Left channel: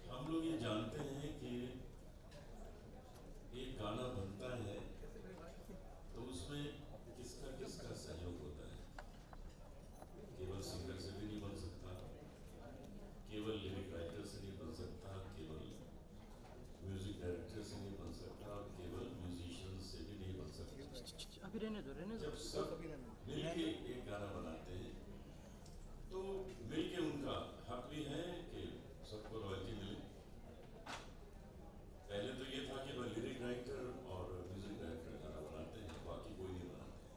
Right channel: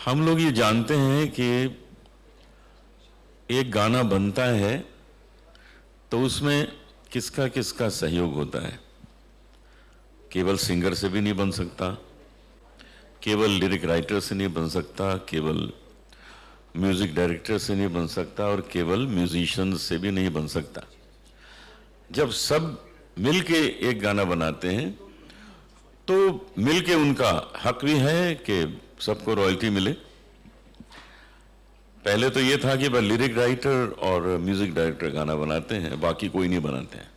हम लोग ये जानते हैं कि एक गाना बनता है तो उसमें किसका किसका सहयोग होता है। केवल सिंगर से भी नहीं बन सकता, केवल लिरिक राइटर से नहीं बन सकता, केवल म्यूजिक डायरेक्टर से नहीं बन सकता और केवल म्यूजिशियन से भी नहीं बन सकता। जब सब मिलके एक गाना बनाते हैं तो मिलके उनका हक भी है कि सबको रॉयल्टी मिले। पहले तो ये था कि बस लिरिक राइटर और म्यूजिक डायरेक्टर गाना बनाते हैं, बाकी कोई नहीं बनाते हैं।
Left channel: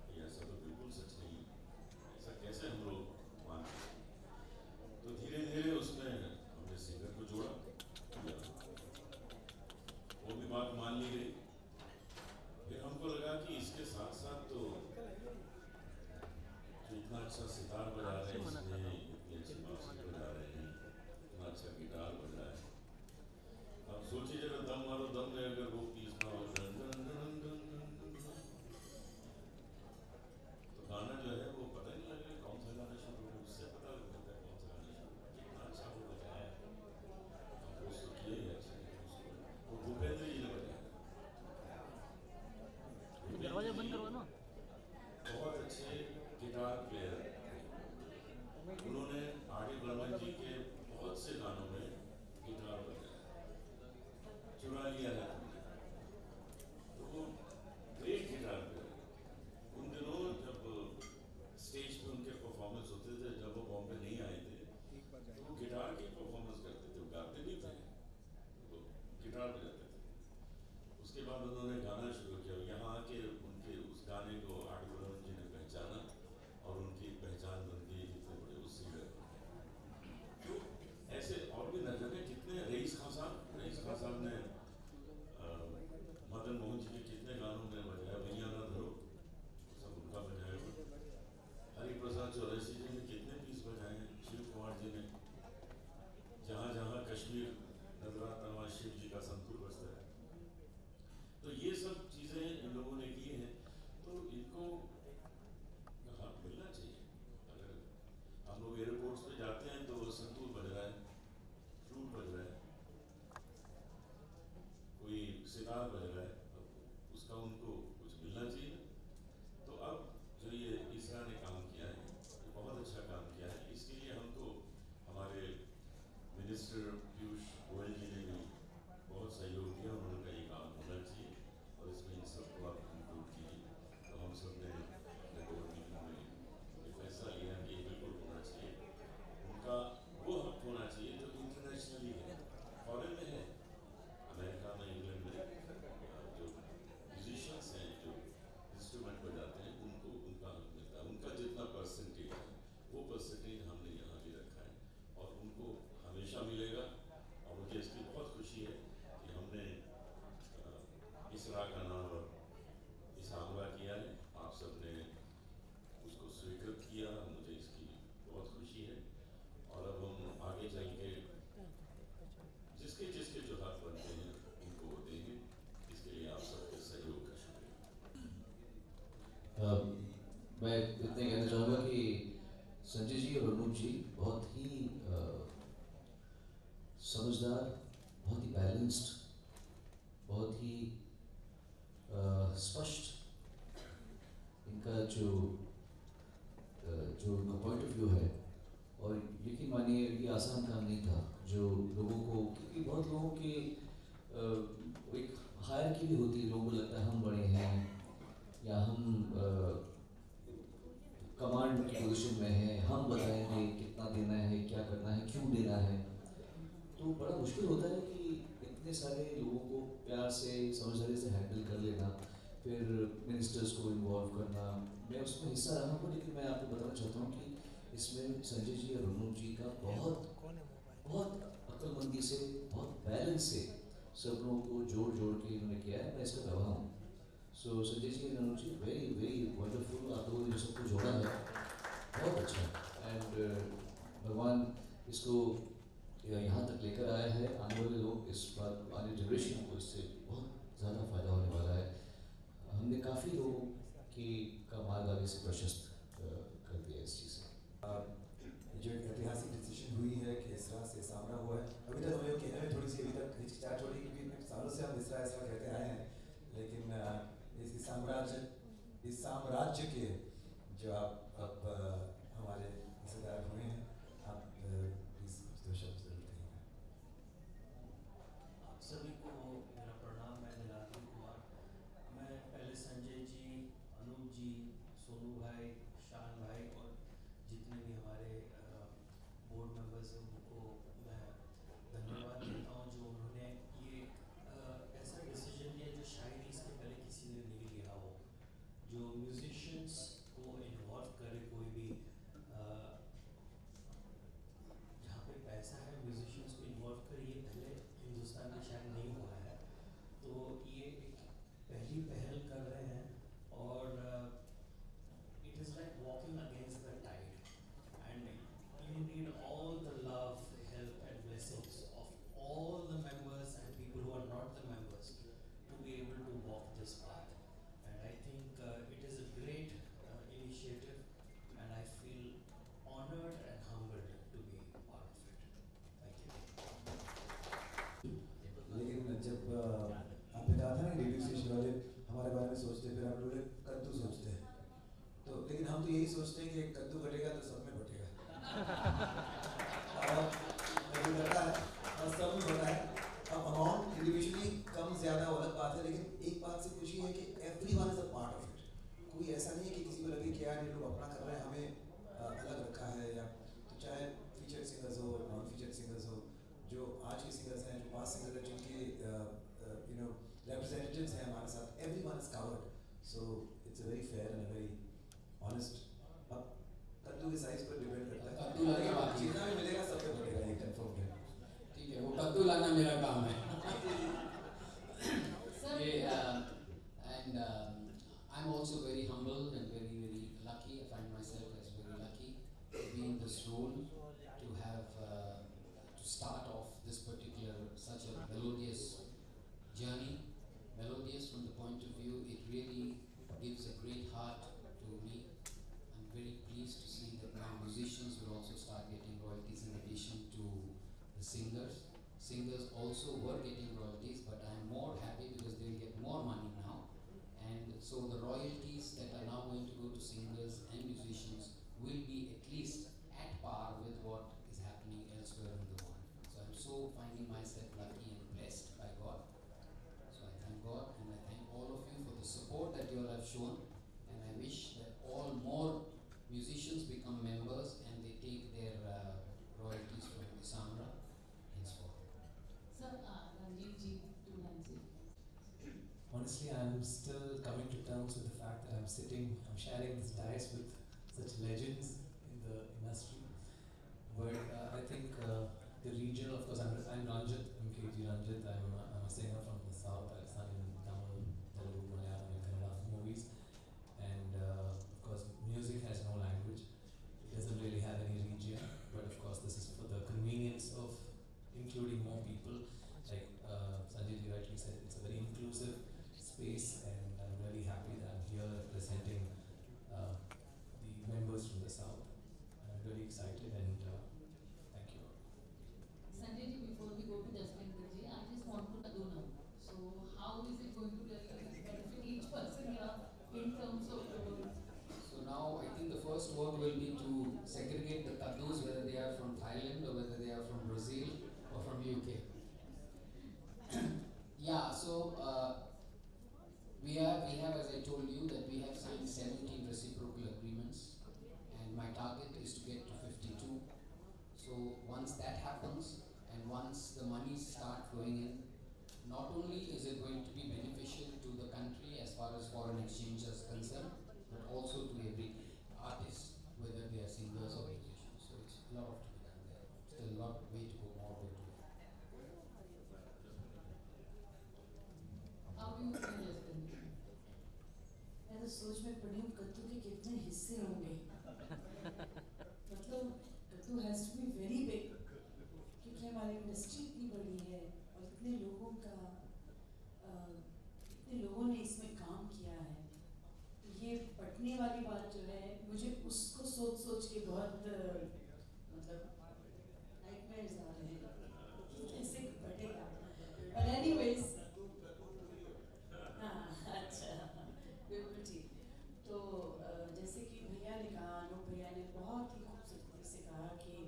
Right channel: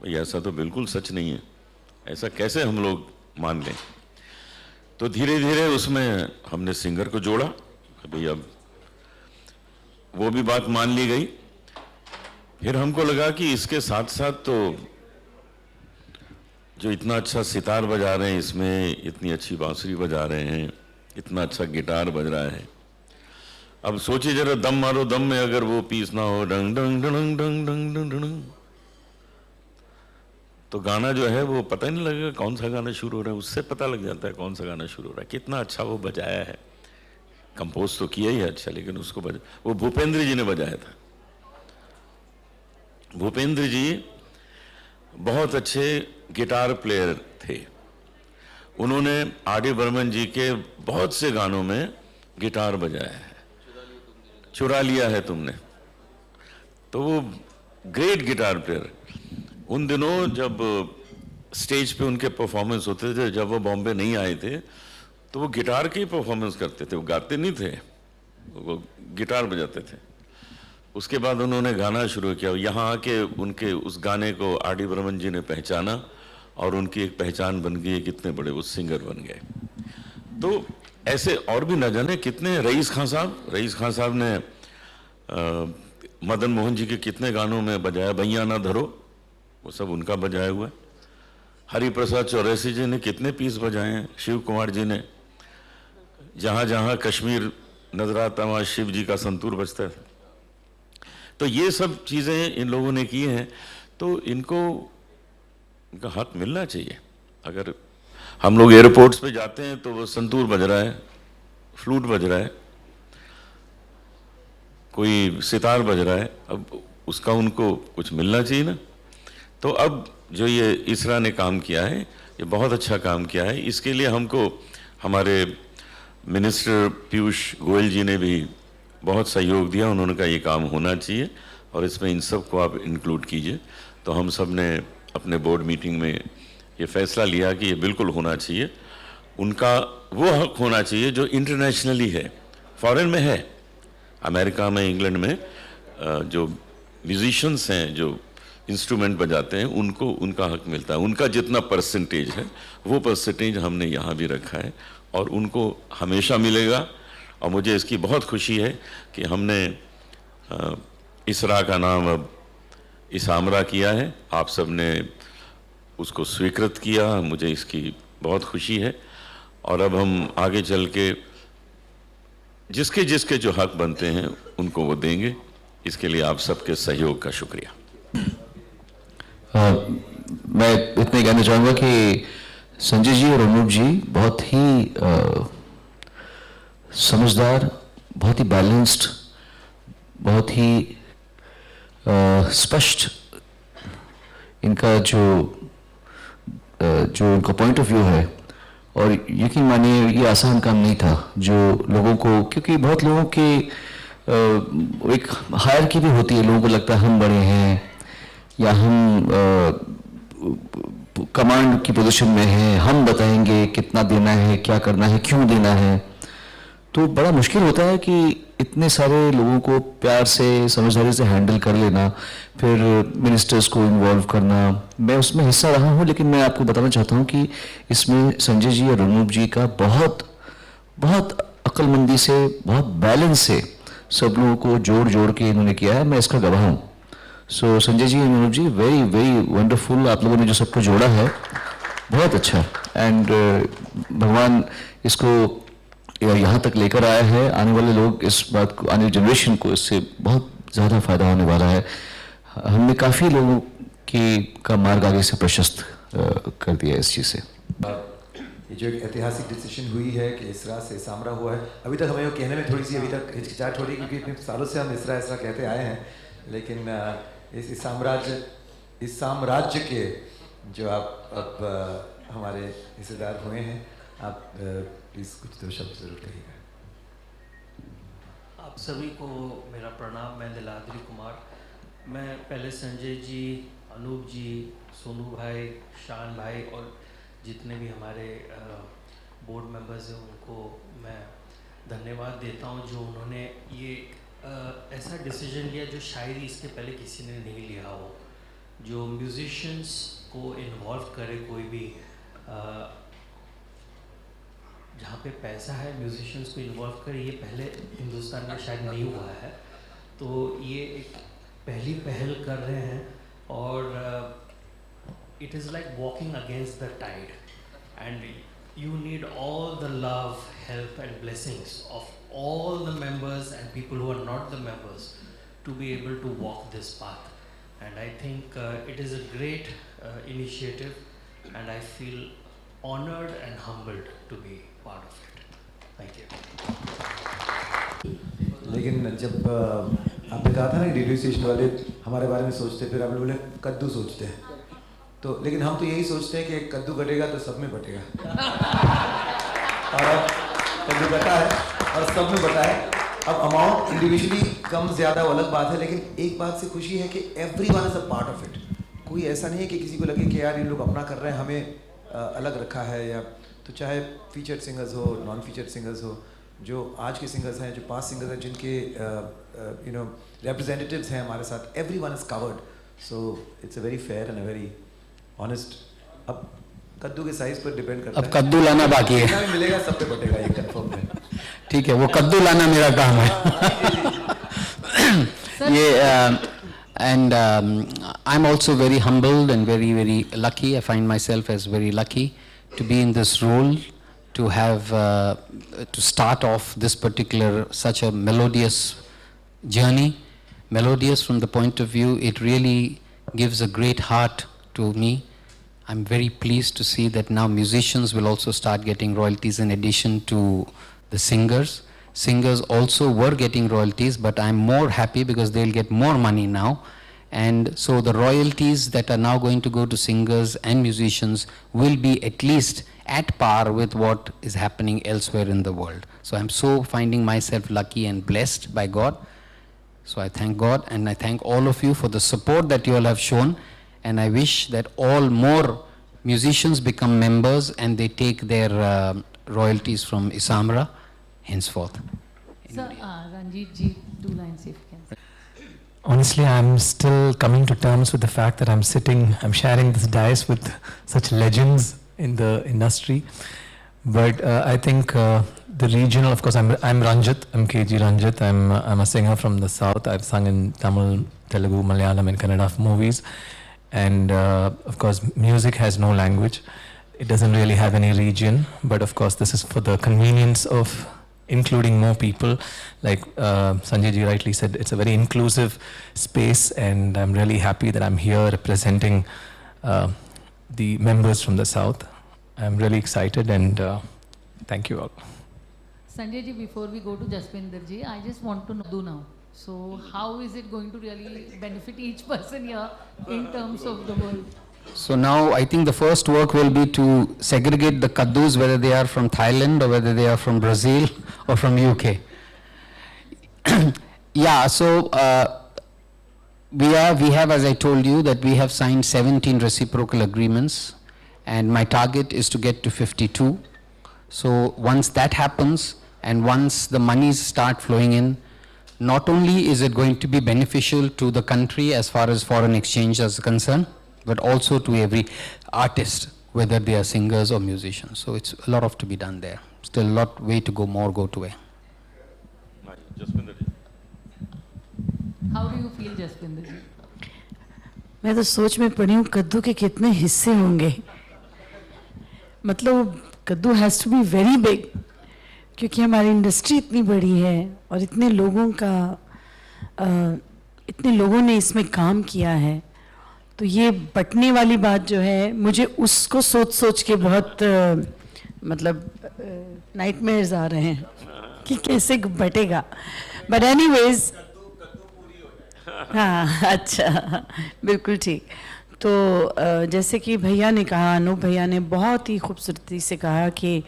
भाई ऐसा तो बिल्कुल सच नहीं है, ऐसा कैसे हम लोग मान लें। तो धीरे धीरे उसमें हमने सिंगर को जोड़ा। भाई अब वो भी बात मान ली गई। फिर हमको लगा कि इसके साथ साथ तो जो इतना अच्छा सितार बजा रहे हैं, इसमें इतनी अच्छी बांसुरी बजा रहे हैं, इतना अच्छा गिटार बज रहा है, अब सोचिए जरा दम मारो, दम में अगर वो पीस ना हो डंग डंग डंग डंग डंग डंग डंग, तो गाना जो है वो पता ही नहीं लगेगा कौन सा गाना शुरू हो रहा है। उससे पता लग जाता है कौन सा गाना शुरू हो रहा है, कितना अच्छा वो बजाया है। कंपोज तो किया ही है अच्छा, लेकिन उसको वो भूपेंद्र जी ने बजाया था। भूपेंद्र जी बहुत अच्छे गिटार प्लेयर थे। उन्होंने आर डी बर्मन जी के बहुत से गानों में गिटार बजाया है। चुरा लिया है तुमने, तो वो ग्रेट गिटार प्लेयर। उन दिनों जब स्टेज पे उनके परफॉर्मेंस होते थे, जब वो बॉम्बे नहीं आए थे, तो वो गिटार के ही परफॉर्मेंस करते थे, वो गाते नहीं थे, वो गिटार बजाते थे। उसके बाद उन्होंने गाना शुरू किया। यहाँ आके उनके उस गाने को आर डी बर्मन जी ने पहचाना और उनकी एक पहचान बन गई, कितने बड़े वो सिंगर बन गए। तो ऐसे और भी न जाने कितने, रईस खान साहब ने मदन मोहन जी के कितने गानों में बजाया, भैया ना धरो, वो सब उनका बजाया हुआ है। हरिप्रसाद चौरसी जी ने कितने पीस बजाए हैं, शिव कुमार जी ने जहाँ जहाँ कश्मीर नजर आता वहाँ शिव जी का संतूर बजता है। तो ये सब चीज़ें इन लोगों ने की हैं, तो इनको इनका हक मिलना चाहिए। अगर हम लोग एयरपोर्ट्स पे जाते हैं तो वो संतूर बज रहा है, फ्लूट बज रहा है, कोई सितार बज रहा है, अब उसका उनको कुछ मिलना चाहिए ना। तो अब जो ये इसरा ने काम किया है, ये बहुत अच्छा काम किया है। इसके लिए हमको हमारे मिनिस्टर पीयूष गोयल जी ने भी बहुत सहयोग दिया। उन्होंने कहा ये काम होना चाहिए और इसमें इन सब को आप इंक्लूड कीजिए। तो हम सब ने अपने बोर्ड मीटिंग में ये फैसला लिया कि ये बिल्कुल होना चाहिए। उनका वो हक होना चाहिए जो इंटरनेशनली है, फॉरेन में है, अमेरिका में, इंग्लैंड में जो म्यूजिशियंस हैं, जो इंस्ट्रूमेंट बजाते हैं, उनको उनका हक मिलता है। उनका जितना परसेंटेज है वो परसेंटेज हमने यहाँ भी रखा है और उनको हमेशा मिलेगा। और मुझे इसकी बहुत खुशी है कि हमने इसरा का नाम अब इसामरा किया है। आप सब ने उसको स्वीकृत किया, मुझे इसकी बहुत खुशी है। और अब हम आगे चल के जिसके जिसके जो हक बनते हैं उनको वो देंगे। इसके लिए आप सबके सहयोग का शुक्रिया। मैं इतना कहना चाहूँगा कि संजय जी और अनूप जी बहुत ही समझदार, बहुत ही बैलेंस्ड, बहुत ही स्पष्ट इनका जो इनका पॉइंट ऑफ व्यू है। और यकीन मानिए ये आसान काम नहीं था जो लोगों को, क्योंकि बहुत लोगों के एक हायरार्की भी होती है। लोगों को लगता है हम बड़े हैं या हम कमांड की पोजीशन में हैं, हम बताएंगे कितना देना है, क्या करना है, क्यों देना है। तो बड़ा मुश्किल होता है कि इतने सारे लोगों को प्यार से, समझदारी से हैंडल कर लेना, फिर मिनिस्टर्स को इन्वॉल्व करना। मैं उसमें हिस्सा रहा हूँ, लेकिन मैं आपको बताना चाहता हूँ कि इसमें संजय जी और अनूप जी का बहुत बहुत अक्लमंदी से, बहुत बैलेंस से सब लोगों को जोड़ जोड़ के इन्होंने किया है। मैं इसका गवाह हूँ। सो संजय जी, अनूप जी, वेरी वेरी वंडरफुल। आप लोगों ने जो सबको जोड़ा है बहुत अच्छा। एंड भगवान इसको यहाँ तक लेकर आया है। आने वाले लोग इस बात को, आने वाली जनरेशन को इससे बहुत ज़्यादा फायदा होने वाला है। हमने काफ़ी लोगों की का मार्ग आगे से प्रशस्त कर दिया है इस चीज़ से। ये जो एक ऐतिहासिक डिसीजन हुई है कि इसरा से इसामरा हुआ है, अभी तक हमें वो कहने में थोड़ी सी अभी तक हिचकिचाहट हो रही है क्योंकि इतने सालों से हम इसरा इसरा कहते आए हैं, लेकिन इस साम्राज्य के जो आप अब हमारे हिस्सेदार हुए हैं, आप प्लीज़ कुछ दो शब्द ज़रूर कहिएगा। आप सभी को मेरा प्रणाम। मैं लीलाद्री कुमार। मैं पहले संजय जी, अनूप जी, सोनू भाई, शान भाई और जितने भी हमारे बोर्ड मेंबर्स हैं उनको मैं धन्यवाद देता हूं जो उन्होंने ये ऐसा डिसीजन लिया जो शायद इसके पहले किसी ने नहीं लिया हो, जो म्यूजिशियंस को इन्वॉल्व करे। कोई भी जहाँ पे पैसा है म्यूजिशियंस को इन्वॉल्व करे, ये पहले हिंदुस्तान में शायद नहीं हुआ है। तो ये एक पहली पहल कर रहे हैं और it is like walking against the tide, and you need all the love, help and blessings of all the members and people who are not the members to be able to walk this path. And I think it is a great initiative, and I feel honored and humbled to be part of it. Thank you. लेकिन जब आपने कहा था ना radio station वाले हमारे बारे में सोचते, फिर आपने बोले कद्दू सोचते हैं, तो लेकिन हम तो यही सोचते हैं कि एक कद्दू कटेगा तो सब में बटेगा और अब कद्दू कटा है और सब में बटा है। अब अमाउंट इंडिविजुअली कम ज़्यादा वो अलग बात है, लेकिन एक बात से खुशी है कि everyone is a part of it. कोई ऐसा नहीं है कि किसी को लगे कि यार ये लोग अपना कर रहे हैं, हमें अलग रखा है, या तो चाहे फीचर्ड सिंगर्स हो, नॉन फीचर्ड सिंगर्स हो, जो आज के सिंगर्स हैं, जो पास्ट सिंगर्स हैं, जिनके रिप्रेजेंटेटिव्स हैं हमारे साथ, everyone is covered. So it's a very fair and a very honest. अब कद्दू के साइज पर डिपेंड करता है, अब कद्दू लाना बाकी है, जितना भी मिलेगा सब पे बटेगा, ये कंफर्म है। ठीक है, वो कद्दू लाना मेरा काम है। ये and I'm also very humbled and very, very lucky. I find myself as very lucky to be in this role, to have to start off this particular such a melodious journey. Melodious from the point of view, it really gives a great heart to me. I'm very pleased to see that now musicians will also start getting royalties in addition to the singers. Singers also were getting royalties, but I'm more happy because they'll get more money now. And so the royalties that are now going to go to singers and musicians will be at least at par with what is happening elsewhere in the world. So I'm so finding myself lucky and blessed by God. So I thank God and I thank all of you for the support that you all have shown. And I wish that all more musicians become members and they take their royalties from Isamra henceforth. Sir, Ranjit ji, 2 lines if you can. Honestly, I'm still coming to terms with the fact that I'm sharing this dais with such legends in the industry. But I think the regional, of course, I'm Ranjit, I'm KG Ranjit, I'm a singer from the south. I've sung in Tamil, Telugu, Malayalam and Kannada movies. And of course, music has no language. It doesn't really have any region, but of course, this is for the convenience of including more people. Like Sanjay ji rightly said, it's a very inclusive space, and I'm really happy that I'm here representing the members from the South. I'm really excited, and thank you all. Sanjay ji, before we go to Jaspinder ji, I just want to know now. So how is it going to really benefit each person here in terms of the world? So now I think the first work will be to segregate the kaddus, whether they are from Thailand or whether they are from Brazil or from UK. Yeah, so we have, as I told you, that we have signed 17 reciprocal agreements, and my target is to get to 52. So once that happens, and once the monies start flowing in, not only is it going to be beneficial to the country as far as foreign exchange is concerned, but also to every artist, whether they are singers or musicians. So it's a lot of to be done there. Still a lot way to go, more go to way. How do you feel, Jaspinder ji? मैं तो सोच में पड़ी हूँ कद्दू के कितने हिस्से होंगे। मतलब कद्दू has to be very big, क्योंकि हमारी इंडस्ट्री इतनी बड़ी है और इतने लोगों ने इसमें काम किया है। तो ये बटने वाली बात जो है, मुझे उसको सोच के बहुत मतलब नाइटमेयर्स आ रहे हैं कि कैसे बटेगा, बट एनीवेज हाँ अच्छा बिल्कुल ठीक। तो जैसे कि भैया ने कहा, अनूप भैया ने बहुत ही खूबसूरती से कहा कि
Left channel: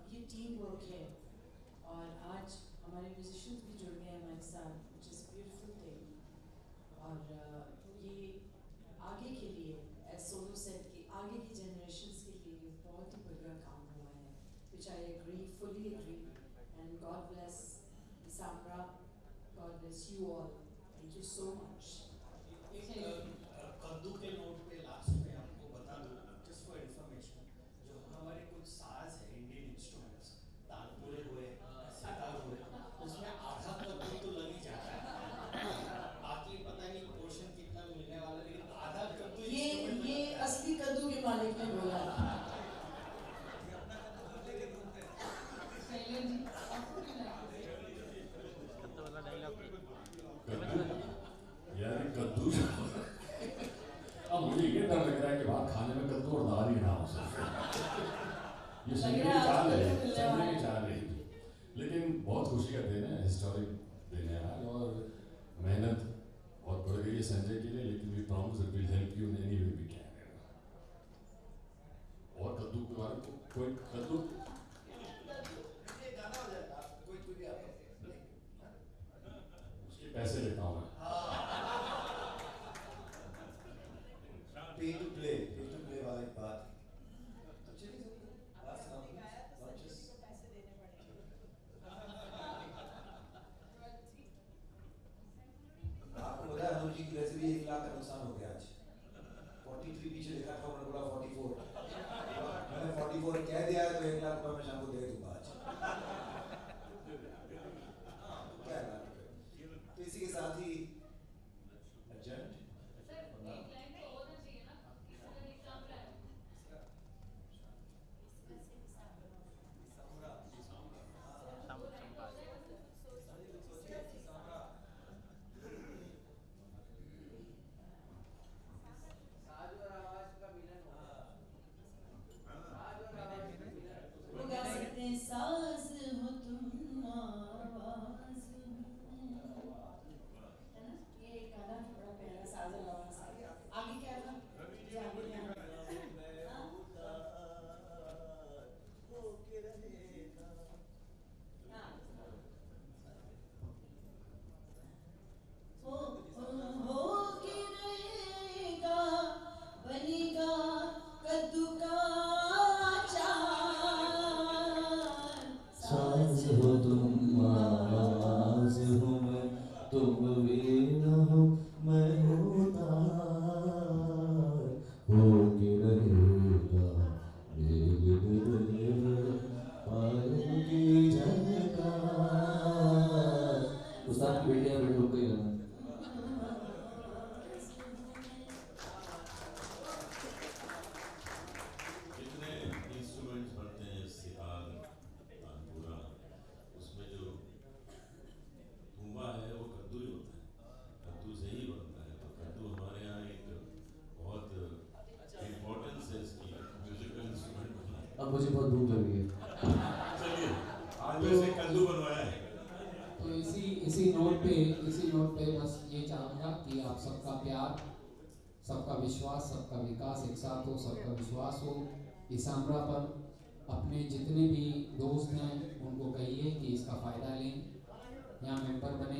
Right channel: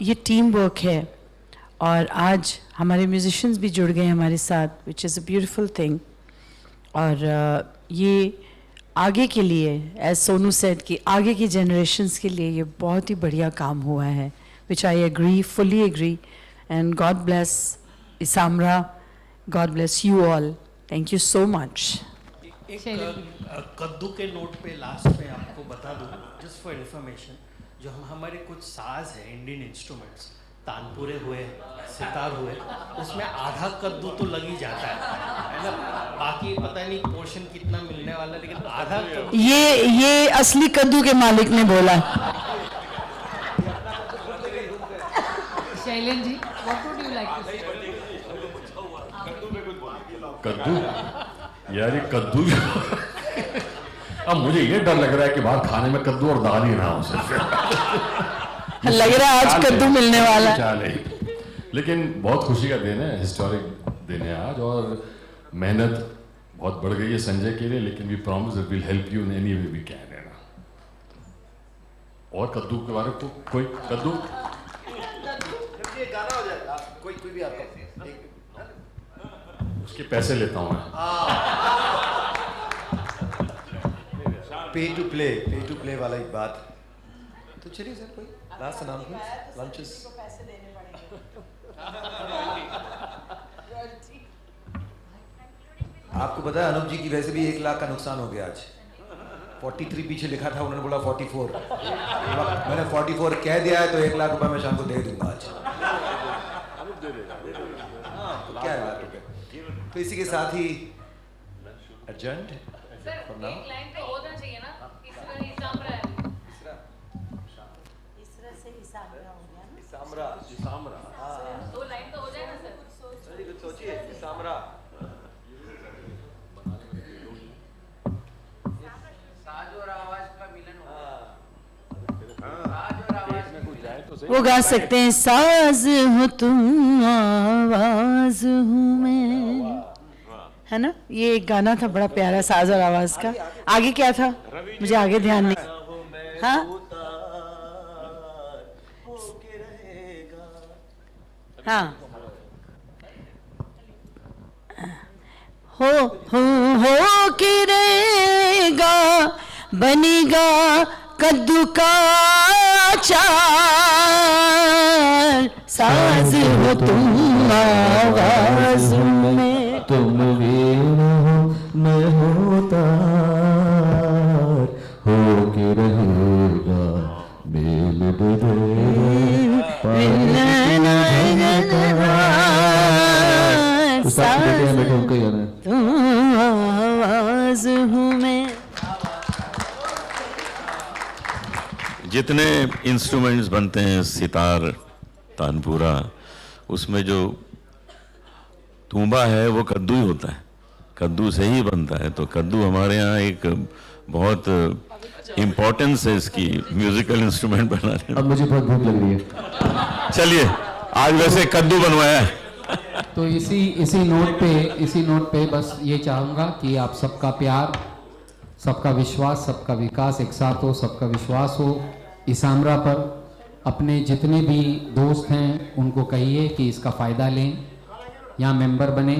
ये टीम वर्क है और आज हमारे म्यूजिशियंस भी जुड़ गए हमारे साथ, which is a beautiful thing. और ये आगे के लिए, एज सोनू सेड, कि आगे की जनरेशन्स के लिए ये बहुत ही बढ़िया काम हुआ है, which I agree, fully agree. And God bless ISAMRA, God bless you all, thank you so much. एक कद्दू के नोट पे लास्ट में आपको बता दूं, जस्ट फॉर इन्फॉर्मेशन, जो हमारे कुछ साज है इंडियन इंस्ट्रूमेंट्स, तानपुरे हुए, सितार हुए, उसमें आधा कद्दू तो लग ही जाता है ना। बाकी पता नहीं पोर्शन कितना मिलने वाला है, लेकिन आधा कद्दू ये असली कद्दू के मालिक ने बोला। Shailendra ji, what would you like to say? कद्दू, यार ये कद्दू अब मुझे ये डर लग रहा है कि बाहर खाने में कद्दू और दाल ही ना हो सिर्फ। लग रहा है आज कद्दू मिलने वाला है। चाल है। लेकिन बहुत खुशी का दिन है, हिस्टोरिक दिन है आज, और मेहनत बहुत बढ़ गई है संजय के लिए, लेकिन we promise that will help you in any way we can, है ना। और कद्दू के बारे में तो कोई कद्दू गाना हो जाएगा, कोई भी आपका उसके पैसे लेता हूँ मैं। पे टू प्ले वाला एक बात। तो चलिए सर, कोई लास्ट अनाउंसमेंट, लंचेस। आपको पता है अनूप जी की वैसे भी 1 लाख का नुकसान हो गया आज। 43 पीछे लिखा था, उन्होंने बोला 44। मैंने 44 कह दिया है, तो 1 लाख रुपए मैं शाम को दे दूंगा आज। तो क्या है 1 लाख रुपए। तो इसी के साथ ही एडजर्न्ड फॉर नाउ। एक लाइन तो होना चाहिए ना, इसरा इसामरा है। दो लाइन तो हो जाए ना सर। सोचिए इसामरा। वो गा सकते हैं, साज हो तुम आवाज हूँ मैं, है ना। ये एक गाना था बड़ा प्यारा, साज और आवाज का। आगे क्या था मुझे आगे ध्यान नहीं। हाँ हाँ, हो के रहेगा, बनेगा कद्दू का चार, साज हो तुम आवाज में। तुम वीर हो मैं होता, हो के रहेगा बेल तुम आवाज हूँ मैं। जितने इंस्ट्रूमेंट्स बनते हैं, सितार, तानपुरा, उसमें जो तूंबा है वो कद्दू ही होता है, कद्दू से ही बनता है। तो कद्दू हमारे यहाँ एक बहुत इम्पोर्टेंस है इसकी म्यूजिकल इंस्ट्रूमेंट बनाने में। अब मुझे बहुत भूख लग रही है। चलिए, आज वैसे कद्दू बनवाया है। तो इसी नोट पे बस ये चाहूँगा कि आप सबका प्यार, सबका विश्वास, सबका विकास एक साथ हो, सबका विश्वास हो इसामरा पर। अपने जितने भी दोस्त हैं उनको कहिए कि इसका फ़ायदा लें, यहाँ मेंबर बने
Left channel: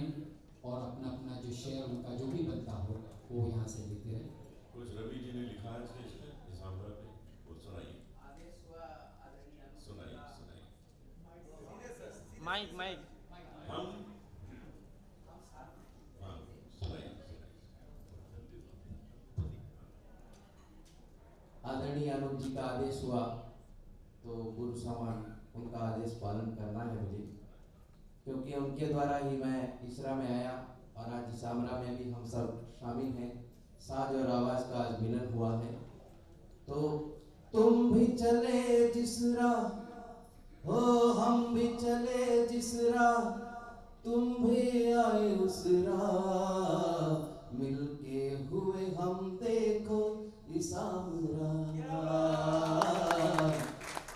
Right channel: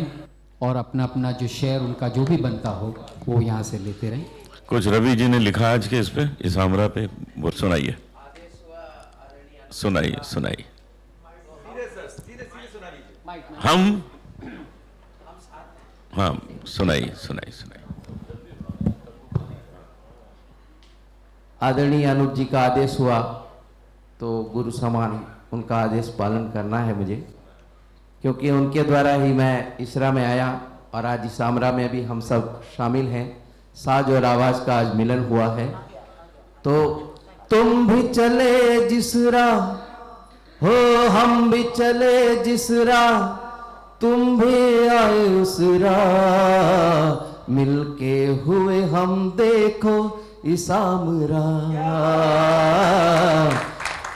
और अपना अपना जो शेयर उनका जो भी बनता हो वो यहाँ से लेते रहें। कुछ रवि जी ने लिखा आज के इस पे, इसामरा पे, वो सुनाइए। सुनाइए। हम हाँ, सुनाइए। आदरणीय अनुप जी का आदेश हुआ तो गुरु समान उनका आदेश पालन करना है मुझे, क्योंकि उनके द्वारा ही मैं इसरा में आया और आज इसामरा में भी हम सब शामिल हैं। साज और आवाज़ का आज मिलन हुआ है। तो तुम भी चले जिस राह हो, हम भी चले जिस राह, तुम भी आए उस राह, मिलके हुए हम देखो इसामरा।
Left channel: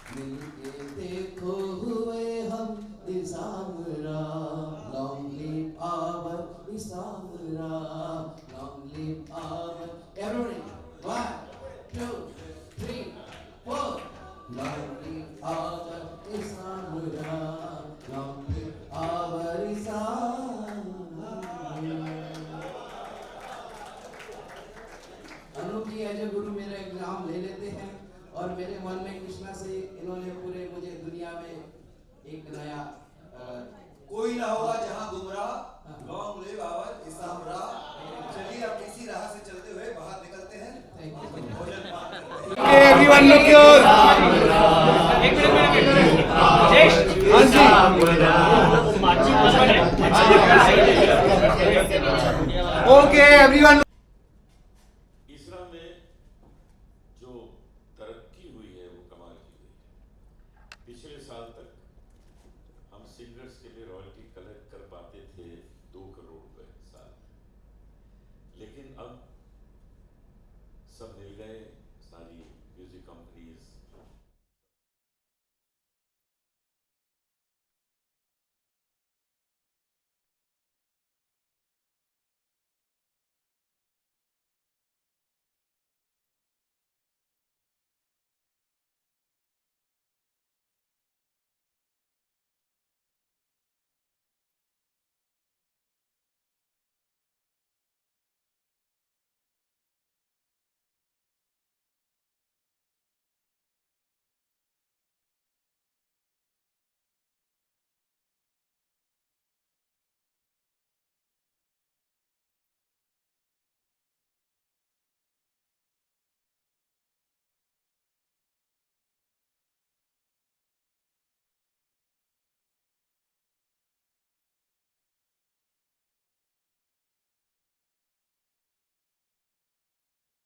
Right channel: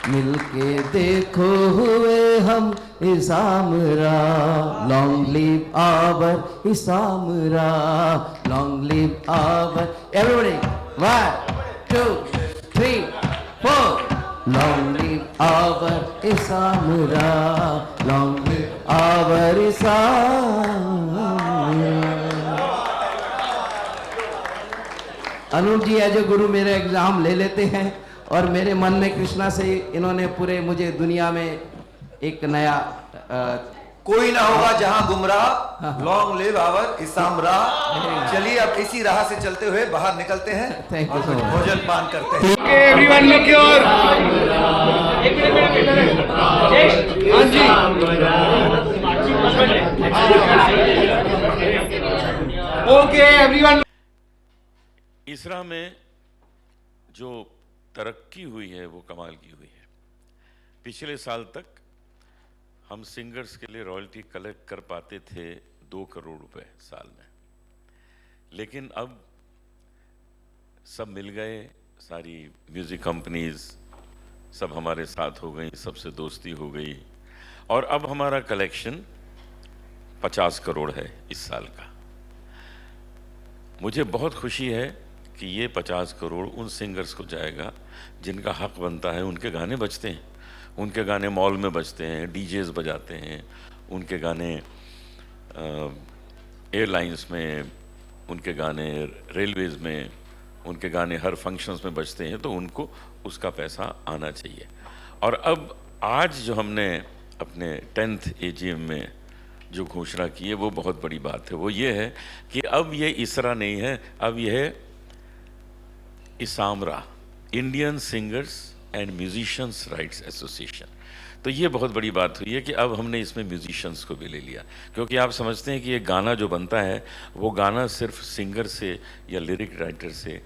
मिलके देखो हुए हम ISAMRA, long live our ISAMRA, long live our, everybody 1 2 3 4, long live our ISAMRA, long live our ISAMRA. Anoop ji as a guru मेरे एग्जाम ले लेते हैं और मेरे मन में कृष्णा से इन्होंने पूरे मुझे दुनिया में एक नया कोई ना होगा जहां गुमराह, लॉन्ग लिव आवर इसामरा। चलिए अब इसी राह से चलते हुए बाहर निकलते हैं Thank you और so कुछ much. भोजन पान करते हैं। इसरा में जो तरक्की हुई है वो कमाल की हुई है। पिछले साल तक हम सिंगर्स के लिए रॉयल्टी कलेक्ट कर पाते थे 2 करोड़ रुपए साल में, लेकिन अब सब मिल गए, सारी म्यूजिक कंपनीज सब हमारे साथ हो गई, सबसे दोस्ती हो गई और अब हमारा कलेक्शन 50 करोड़ है इस साल का। मुझे बहुत खुशी है कि ये 50 करोड़ उन सिंगर्स को जाएगा जिनका हक बनता है। उनके गाने बजते हैं, उनके गाने मॉल में बजते हैं, डीजेस बजाते हैं, उनके गाने एयरलाइंस में, उनके गाने रेलवेज़ में, उनके गाने हर फंक्शंस में बजते हैं, तो उनको उसका पैसा आना चाहिए। और अब आज जो हमने अपने 10th AGM में जो घोषणा की है वो बहुत बड़ी बात है। वो ये है कि अब ये इसरा नहीं है, अब ये है ISAMRA, Indian singers and musicians rights association. तो ये बहुत बड़ी बात हुई है कि अब हमने इसमें म्यूजिशियंस को भी ले लिया, क्योंकि आप समझते हैं कि ये गाना जो बनता है वो गाना सिर्फ सिंगर से या लिरिक राइटर से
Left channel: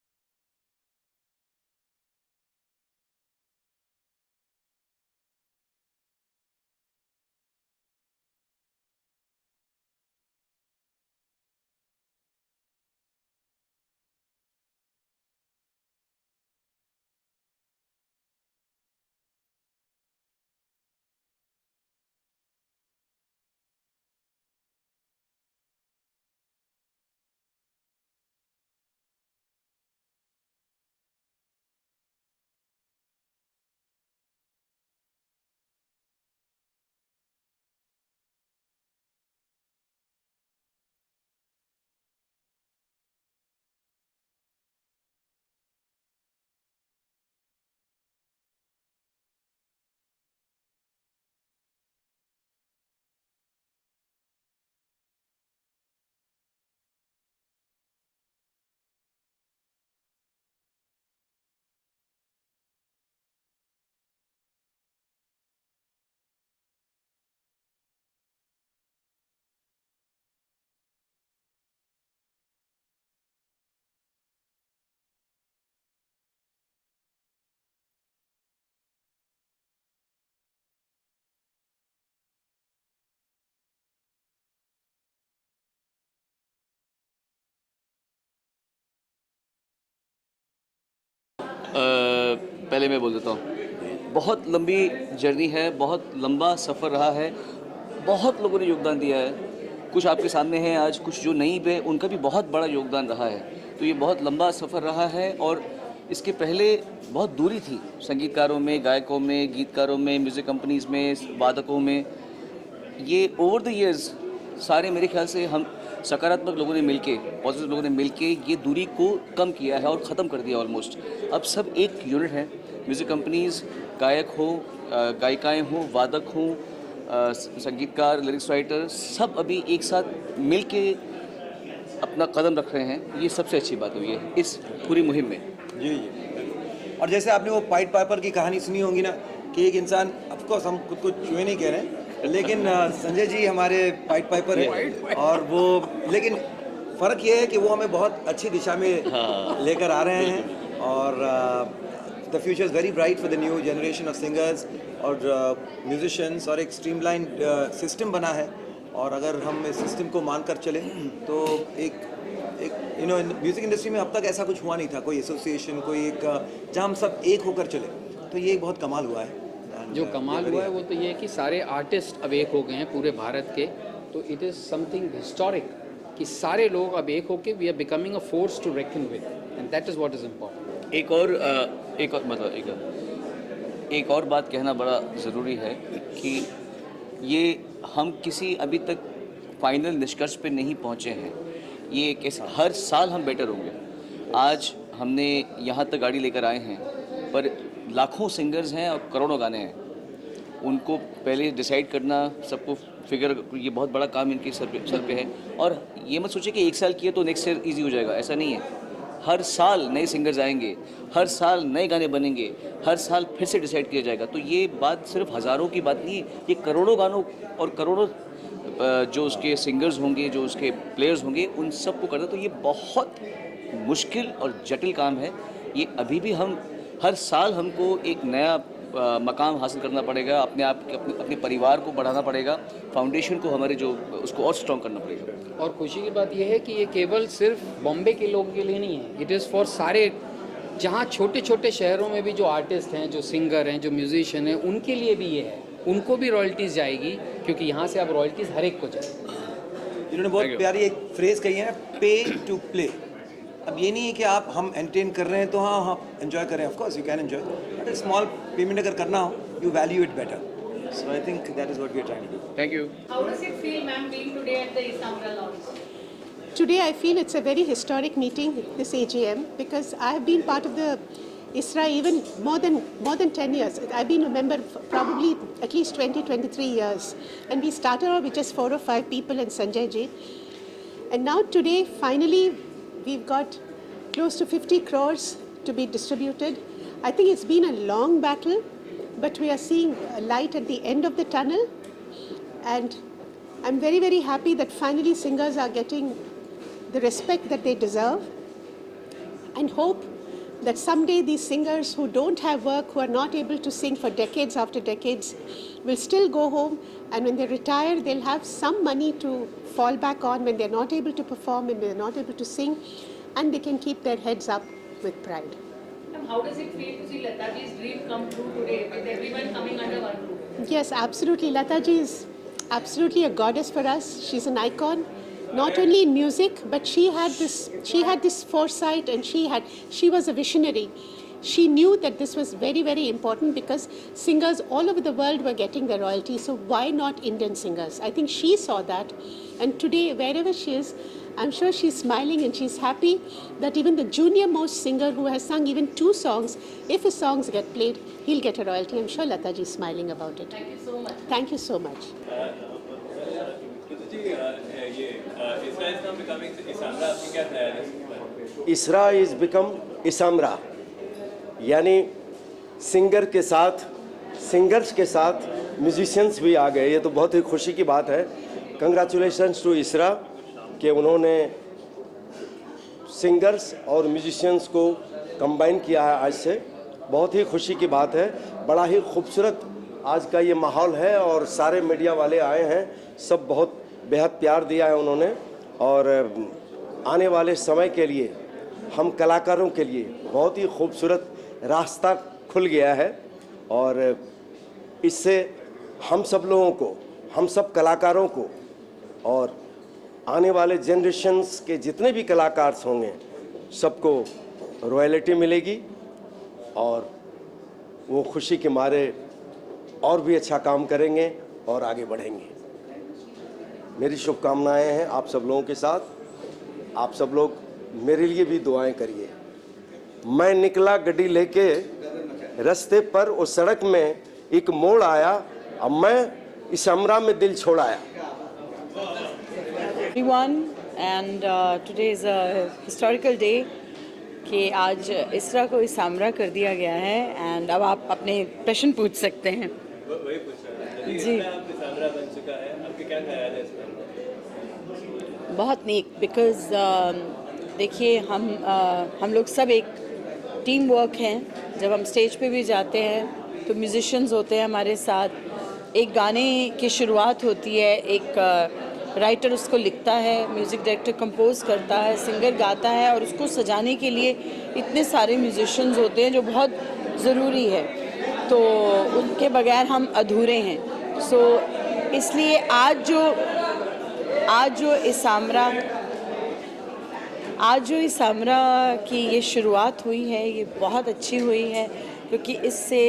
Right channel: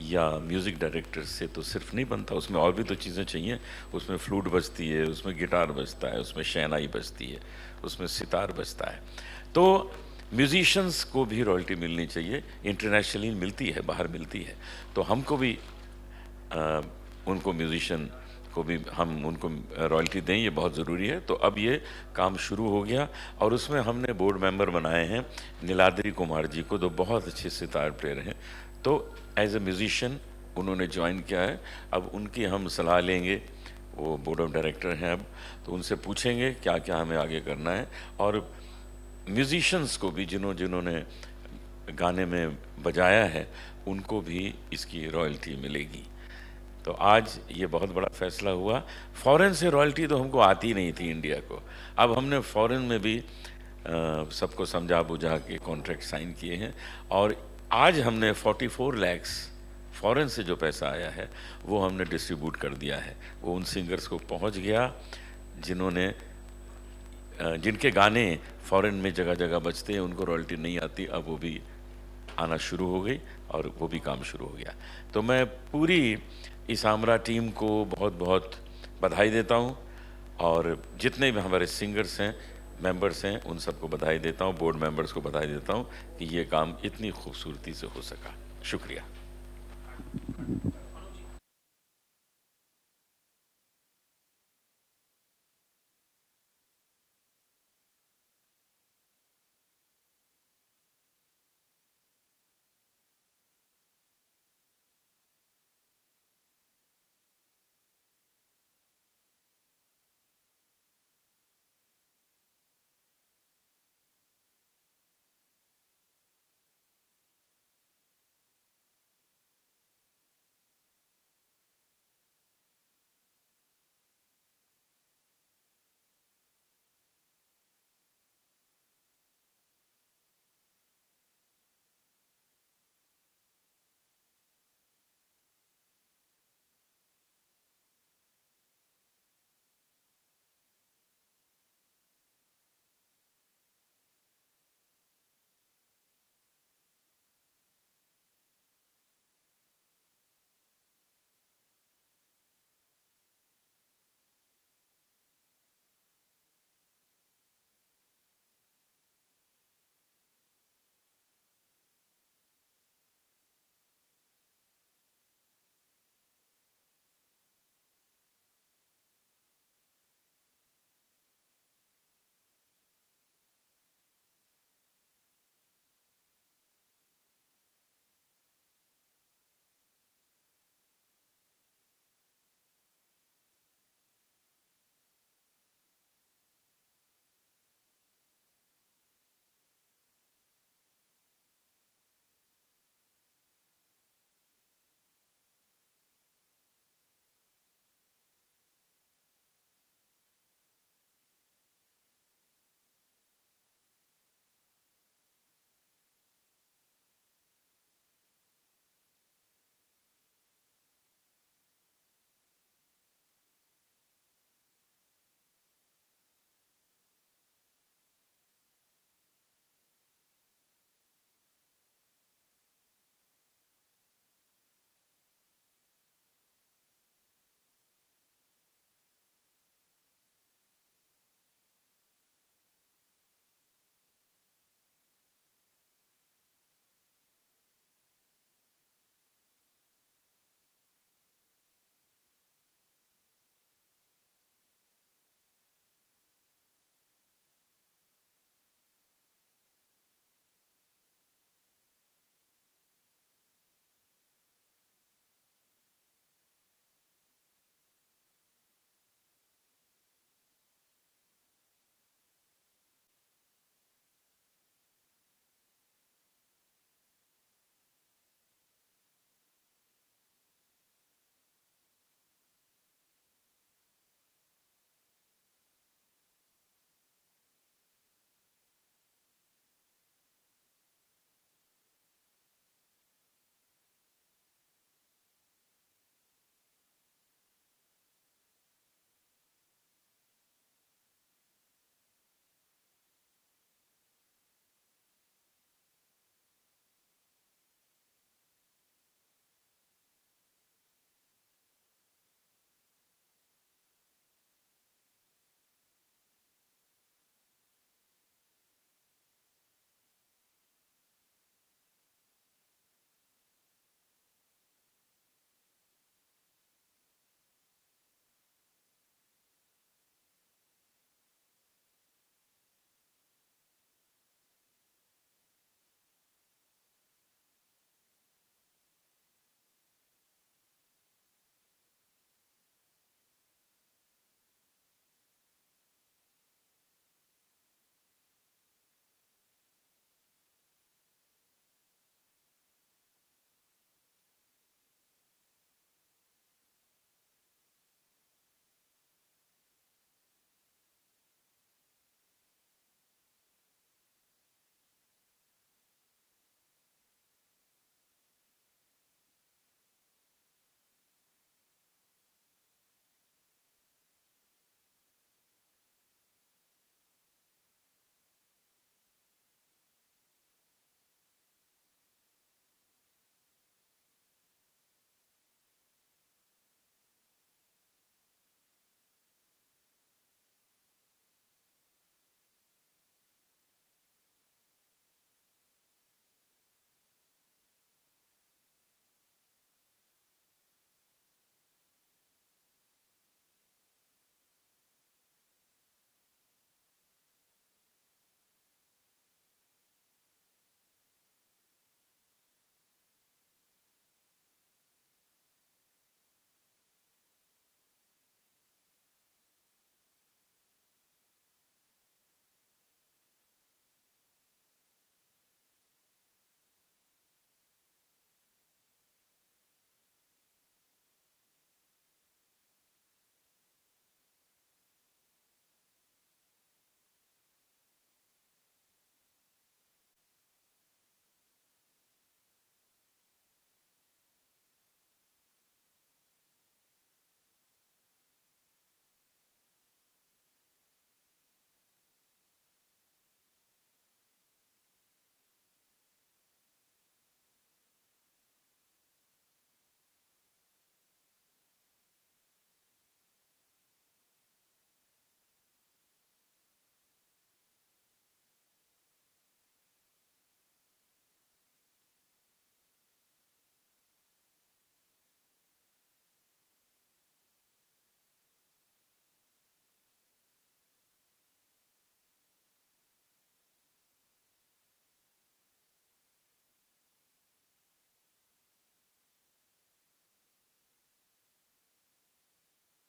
या म्यूज़िक डायरेक्टर से तो सिर्फ नहीं बनता, उसमें और भी तो चीज़ें चाहिए। उसमें फ्लूट बजती है, उसमें गिटार बजता है, उसमें शहनाई बजती है, उसमें सितार बजता है। तो म्यूजिशियंस को भी रॉयल्टी मिलनी चाहिए, इंटरनेशनली मिलती है, बाहर मिलती है, तो हमको भी उनको म्यूजिशियन को भी हम उनको रॉयल्टी दें, ये बहुत ज़रूरी है। तो अब ये काम शुरू हो गया और उसमें हमने बोर्ड मेंबर बनाए हैं नीलाद्री कुमार जी को, जो बहुत अच्छे सितार प्लेयर हैं। तो एज ए म्यूजिशियन उन्होंने ज्वाइन किया है। अब उनकी हम सलाह लेंगे, वो बोर्ड ऑफ डायरेक्टर हैं अब, तो उनसे पूछेंगे क्या क्या हमें आगे करना है। और म्यूजिशियंस को भी जिन्होंने गाने में बजाया है उनको भी इसकी रॉयल्टी मिलेगी। तो आज ये बहुत बड़ा फैसला हुआ। फॉरेन से रॉयल्टी तो हमको आती नहीं थी इंडिया को, अब हमने फॉरेन में भी सबको समझा बुझा के कॉन्ट्रैक्ट साइन किए हैं और आज हमने 44 लाख फॉरेन से जो पैसा आया है वो हमने डिस्ट्रीब्यूट कर दिया है। वो उन सिंगर्स को पहुंच गया जिनके गाने फॉरेन में जगह जगह बजते हैं, उनको रॉयल्टी नहीं आती, अब वो भी आना शुरू हो गई और वो भी काम शुरू हो गया। तो मैं पूरी इसामरा टीम को बहुत बहुत बधाई देता हूँ और जितने भी हमारे सिंगर्स हैं, मेंबर्स हैं, उन सबको बधाई देता हूँ, बोर्ड मेंबर्स को बधाई देता हूँ कि ये काम इतनी खूबसूरती से हो सका। शुक्रिया। पहले मैं बोल देता हूँ, बहुत लंबी जर्नी है, बहुत लंबा सफ़र रहा है, बहुत लोगों ने योगदान दिया है। कुछ आपके सामने हैं आज, कुछ जो नहीं भी, उनका भी बहुत बड़ा योगदान रहा है। तो ये बहुत लंबा सफ़र रहा है और इसके पहले बहुत दूरी थी संगीतकारों में, गायकों में, गीतकारों में, म्यूज़िक कंपनीज़ में, वादकों में। ये ओवर द इयर्स सारे मेरे ख्याल से हम सकारात्मक लोगों ने मिलके, पॉजिटिव लोगों ने मिलके ये दूरी को कम किया है और ख़त्म कर दिया ऑलमोस्ट। अब सब एक यूनिट है। म्यूज़िक कंपनीज़, गायक हो, गायिकाएँ हों, वादक हों, संगीतकार, लिरिक्स राइटर, सब अभी एक साथ मिलके अपना कदम रख रहे हैं। ये सबसे अच्छी बात हुई है इस पूरी मुहिम में। जी। और जैसे आपने वो पाइट पाइपर की कहानी सुनी होगी ना, कि एक इंसान, ऑफकोर्स हम खुद को चूहे नहीं कह रहे हैं, लेकिन संजय जी हमारे पाइट पाइपर है और वो, लेकिन फ़र्क ये है कि वो हमें बहुत अच्छी दिशा में लेकर आ रहे हैं और the future is very bright for the new generation of singers और म्यूजिशियंस। और एक स्ट्रीमलाइन सिस्टम बना है और अगर हम इस सिस्टम को मानकर चलें तो एक यू नो म्यूज़िक इंडस्ट्री में अब तक ऐसा कुछ हुआ नहीं था, कोई एसोसिएशन, कोई एक जहाँ हम सब एक होकर चले। तो ये एक बहुत कमाल हुआ है। जो कमाल हुआ है वो तो ये है कि सारे आर्टिस्ट अब एक हो गए हैं पूरे भारत के, तो इट इज़ समथिंग हिस्टोरिक कि सारे लोग अब एक होके we are becoming a force to reckon with, and that is what is important. एक और बात कहना बड़ा ज़रूरी है कि ये हम किसी अभी तक फाइनल निष्कर्ष पे नहीं पहुँचे हैं। ये कैसे हर साल हम बेटर होंगे। आज हमने यहाँ तक गाड़ी लेकर आए हैं, पर लाखों सिंगर्स हैं और करोड़ों गाने हैं। उनको पहले डिसाइड करना, सबको फिगर, ये बहुत बड़ा काम इनके सर पे है। और ये मत सोचिए कि एक साल किए तो नेक्स्ट ईयर ईजी हो जाएगा, ऐसा नहीं है। हर साल नए सिंगर्स आएंगे, हर साल नए गाने बनेंगे, हर साल फिर से डिसाइड किया जाएगा। तो ये बात सिर्फ हज़ारों की बात नहीं है, ये करोड़ों गानों और करोड़ों जो उसके सिंगर्स होंगे, जो उसके प्लेयर्स होंगे, उन सबको करना। तो ये बहुत मुश्किल और जटिल काम है। ये अभी भी हम हर साल हमको एक नया मकाम हासिल करना पड़ेगा, अपने परिवार को बढ़ाना पड़ेगा, फाउंडेशन को हमारे जो उसको और स्ट्रॉन्ग करना पड़ेगा। और खुशी की बात यह है कि ये केवल सिर्फ बॉम्बे के लोगों के लिए नहीं है, इट इज़ फॉर सारे, जहाँ छोटे छोटे शहरों में भी जो आर्टिस्ट हैं, जो सिंगर हैं, जो म्यूजिशियन हैं, उनके लिए भी ये है। उनको भी रॉयल्टीज़ जाएगी, क्योंकि यहाँ से अब रॉयल्टीज़ हर एक को जाएगी। इन्होंने बहुत प्यारी एक फ्रेज़ कही है ना, पे टू प्ले। अब ये नहीं है कि हम एंटरटेन कर रहे हैं तो हाँ एंजॉय करें, of course you can enjoy, but small payment अगर करना हो, you value it better. So I think that is what we are trying to do. Thank you. How does it feel, ma'am, being today at the Isamra launch? Today I feel it's a very historic meeting, this AGM, because I have been part of the ISRA even more than 10 years. I've been a member for probably at least 23 years. And we started off with just 4 or 5 people and Sanjay ji. And now today, finally, we've got close to 50 crores to be distributed. I think it's been a long battle, but we are seeing a light at the end of the tunnel. And I'm very, very happy that finally singers are getting the respect that they deserve, and hope that someday these singers who don't have work, who are not able to sing for decades after decades, will still go home, and when they retire, they'll have some money to fall back on when they're not able to perform and they're not able to sing, and they can keep their heads up with pride. Ma'am, how does it feel to see Lataji's dream come true today with everyone coming under one roof? Yes, absolutely. Lataji is absolutely a goddess for us. She's an icon, not only in music, but she had this foresight, and she was a visionary. She knew that this was very, very important, because singers all over the world were getting their royalty. So why not Indian singers? I think she saw that, and today, wherever she is, I'm sure she's smiling and she's happy that even the junior most singer who has sung even 2 songs, if his songs get played, he'll get a royalty. I'm sure Lataji is smiling about it. Thank you so much. Thank you so much. ISRA is become Isamra, यानी singer के साथ, singers के साथ musicians भी आ गए। ये तो बहुत ही खुशी की बात है। कंग्रेचुलेशंस टू ISRA कि उन्होंने सिंगर्स और म्यूजिशियंस को कंबाइन किया है आज से। बहुत ही खुशी की बात है। बड़ा ही खूबसूरत आज का ये माहौल है, और सारे मीडिया वाले आए हैं, सब बहुत बेहद प्यार दिया है उन्होंने। और आने वाले समय के लिए हम कलाकारों के लिए बहुत ही खूबसूरत रास्ता खुल गया है, और इससे हम सब लोगों को, हम सब कलाकारों को, और आने वाले जनरेशन्स के जितने भी कलाकार होंगे, सबको रॉयल्टी मिलेगी, और वो खुशी के मारे और भी अच्छा काम करेंगे और आगे बढ़ेंगे। मेरी शुभकामनाएं हैं आप सब लोगों के साथ। आप सब लोग मेरे लिए भी दुआएं करिए। मैं निकला गड्डी लेके, रास्ते पर उस सड़क में एक मोड़ आया, अब मैं इसमरा में दिल छोड़ाया। Everyone, and today is a historical day कि आज इसरा को इसामरा कर दिया गया है। एंड अब आप अपने प्रश्न पूछ सकते हैं। जी, बहुत नीक, बिकॉज देखिए हम लोग सब एक टीम वर्क हैं। जब हम स्टेज पे भी जाते हैं तो म्यूजिशियंस होते हैं हमारे साथ। एक गाने की शुरुआत होती है, एक राइटर उसको लिखता है, म्यूज़िक डायरेक्टर कंपोज करता है, सिंगर गाता है, और उसको सजाने के लिए इतने सारे म्यूजिशियंस होते हैं जो बहुत ज़रूरी है। तो उनके बगैर हम अधूरे हैं। सो इसलिए आज जो इसामरा की ये शुरुआत हुई है, ये बहुत अच्छी हुई है, क्योंकि इससे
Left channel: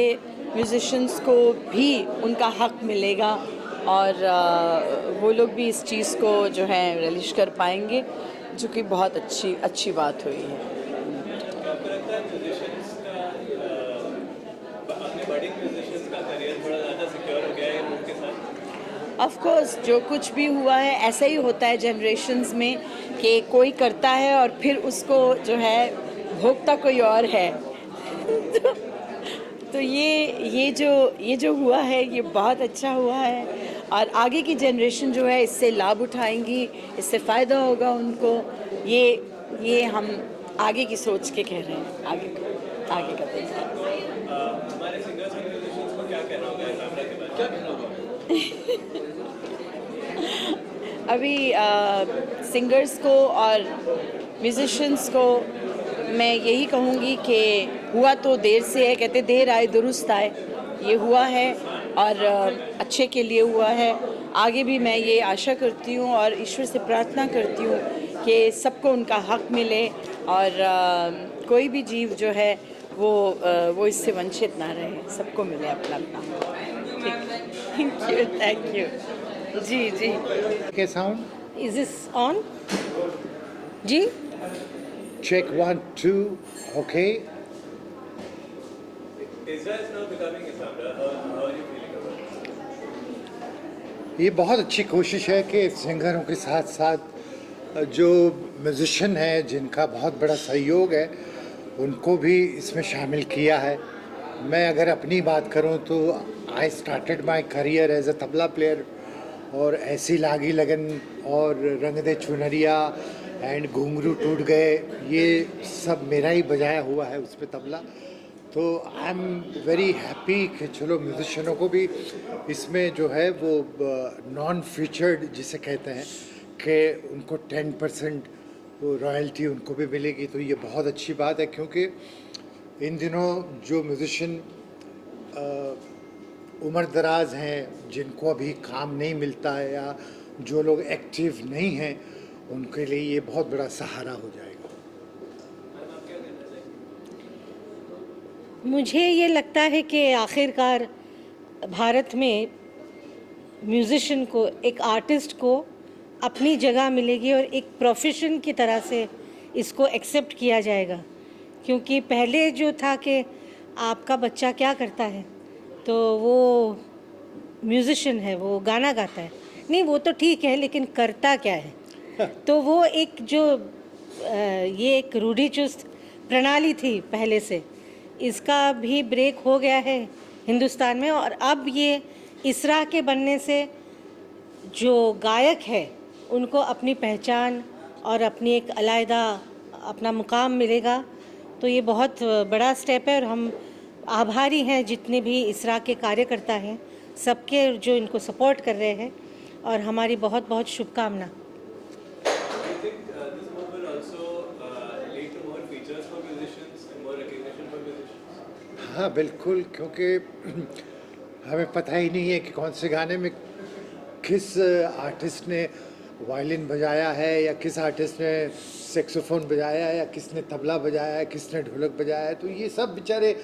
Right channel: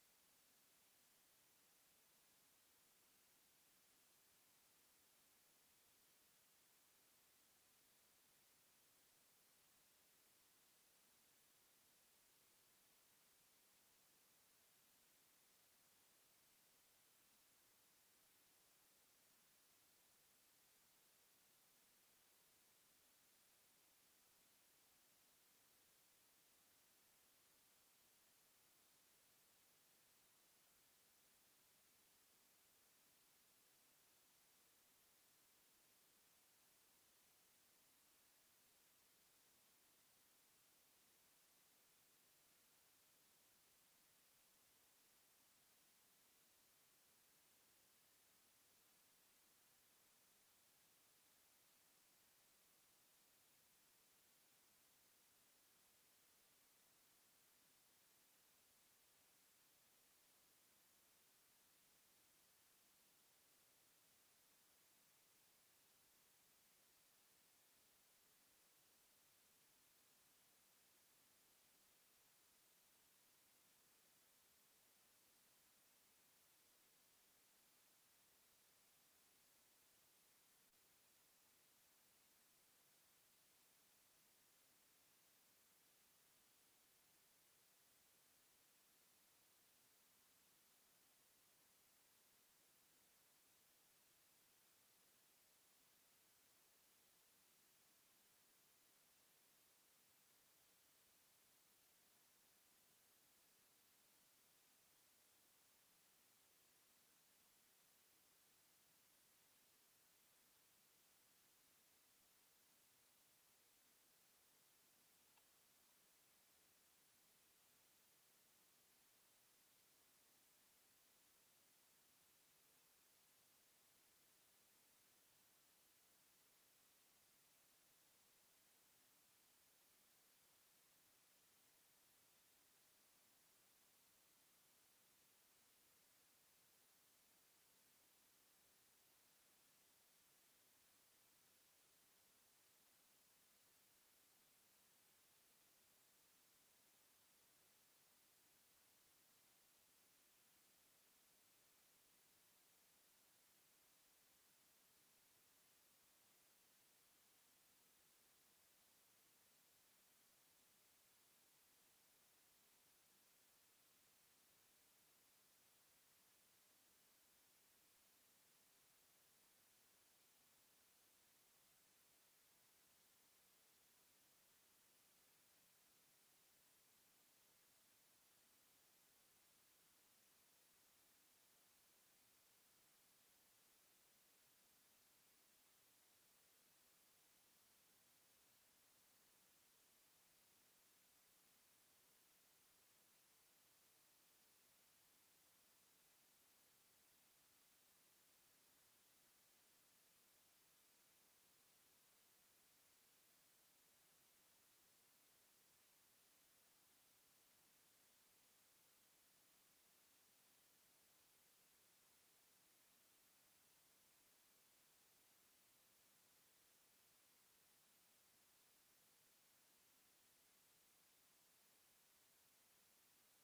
म्यूज़िशंस को भी उनका हक मिलेगा और वो लोग भी इस चीज़ को जो है रिलीज कर पाएंगे, जो कि बहुत अच्छी बात हुई है। ऑफ कोर्स जो कुछ भी हुआ है ऐसा ही होता है जनरेशन्स में कि कोई करता है और फिर उसको जो है भोगता कोई और है। तो ये जो हुआ है ये बहुत अच्छा हुआ है और आगे की जनरेशन जो है इससे लाभ उठाएंगी, इससे फ़ायदा होगा उनको। ये हम आगे की सोच के कह रहे हैं, आगे का हमारे सिंगर्स और म्यूजिशियंस को क्या कहना होगा इसामरा के बारे में? क्या कहना होगा? अभी सिंगर्स को और म्यूजिशियंस को मैं यही कहूँगी कि हुआ तो देर से है, कहते देर आए दुरुस्त आए। ये हुआ है और अच्छे के लिए हुआ है। आगे भी मैं ये आशा करती हूँ और ईश्वर से प्रार्थना करती हूँ कि सबको उनका हक मिले और कोई भी जीव जो है वो इससे वंचित ना रहे, सबको मिले अपना अपना। थैंक यू जी। के साउंड इज दिस ऑन जी? Check 1 2 okay. Israel is now becoming Isamra. How are you feeling about it? ये बहुत अच्छी कोशिश है कि सिंगरों के साथ साथ जो म्यूजिशियन है जिनका बहुत बड़ा सहयोग है उनको भी इसमें शामिल किया है। मैं अगर अपनी बात करूं तो I started my career as a tabla player और ऐसी लागी लगन और रंग दे चुनरिया एंड घुंघरू टूट गए, ये सब मेरा ही बजाया हुआ है उस पर तबला। तो आई एम वेरी हैप्पी कि चलो म्यूजिशियनों को भी इसमें जो है वो नॉन फीचर्ड जिसे कहते हैं कि उनको 10% वो रॉयल्टी उनको भी मिलेगी। तो ये बहुत अच्छी बात है, क्योंकि इन दिनों जो म्यूजिशियन उम्र दराज हैं, जिनको अभी काम नहीं मिलता है या जो लोग एक्टिव नहीं हैं, उनके लिए ये बहुत बड़ा सहारा हो जाएगा। मुझे ये लगता है कि आखिरकार भारत में म्यूज़िशियन को, एक आर्टिस्ट को अपनी जगह मिलेगी और एक प्रोफेशन की तरह से इसको एक्सेप्ट किया जाएगा। क्योंकि पहले जो था कि आपका बच्चा क्या करता है तो वो म्यूज़िशियन है, वो गाना गाता है, नहीं वो तो ठीक है लेकिन करता क्या है। तो वो एक जो ये एक रूढ़िचुस्त प्रणाली थी पहले से, इसका भी ब्रेक हो गया है हिंदुस्तान में। और अब ये इसरा के बनने से जो गायक है उनको अपनी पहचान और अपनी एक अलग अपना मुकाम मिलेगा। तो ये बहुत बड़ा स्टेप है और हम आभारी हैं जितने भी इसरा के कार्यकर्ता हैं, सबके जो इनको सपोर्ट कर रहे हैं, और हमारी बहुत बहुत शुभकामना। हाँ बिल्कुल, क्योंकि हमें पता ही नहीं है कि कौन से गाने में किस आर्टिस्ट ने वायलिन बजाया है या किस आर्टिस्ट ने सेक्सोफोन बजाया है या किसने तबला बजाया है, किसने ढोलक बजाया है। तो ये सब बेचारे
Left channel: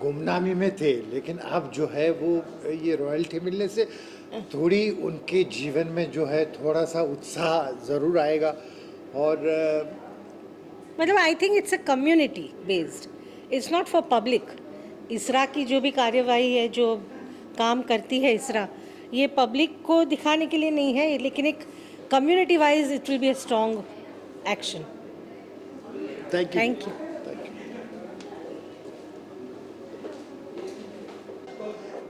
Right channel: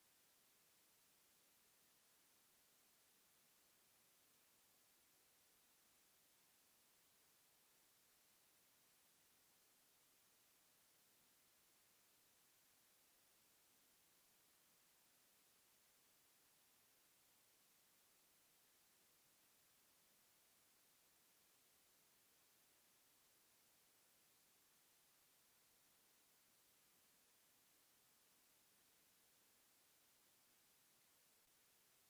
गुमनामी में थे, लेकिन अब जो है वो ये रॉयल्टी मिलने से थोड़ी उनके जीवन में जो है थोड़ा सा उत्साह ज़रूर आएगा। और मतलब आई think it's a community based, it's not for public. इसरा की जो भी कार्यवाही है, जो काम करती है इसरा, ये पब्लिक को दिखाने के लिए नहीं है, लेकिन एक community wise it will be a strong action. Thank you.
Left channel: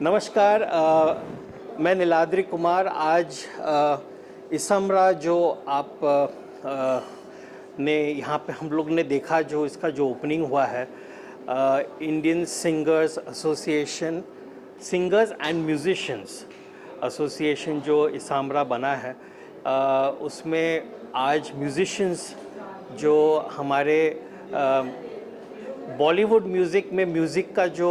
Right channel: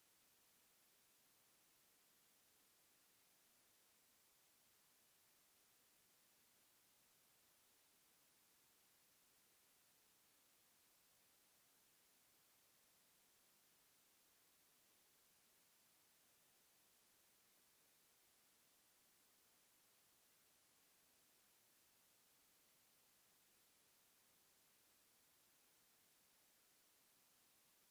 नमस्कार, मैं नीलाद्रि कुमार। आज इसामरा जो आप ने यहाँ पे हम लोग ने देखा, जो इसका जो ओपनिंग हुआ है, Indian singers association, singers and musicians association जो इसामरा बना है, उसमें आज म्यूजिशियंस जो हमारे बॉलीवुड म्यूज़िक में म्यूज़िक का जो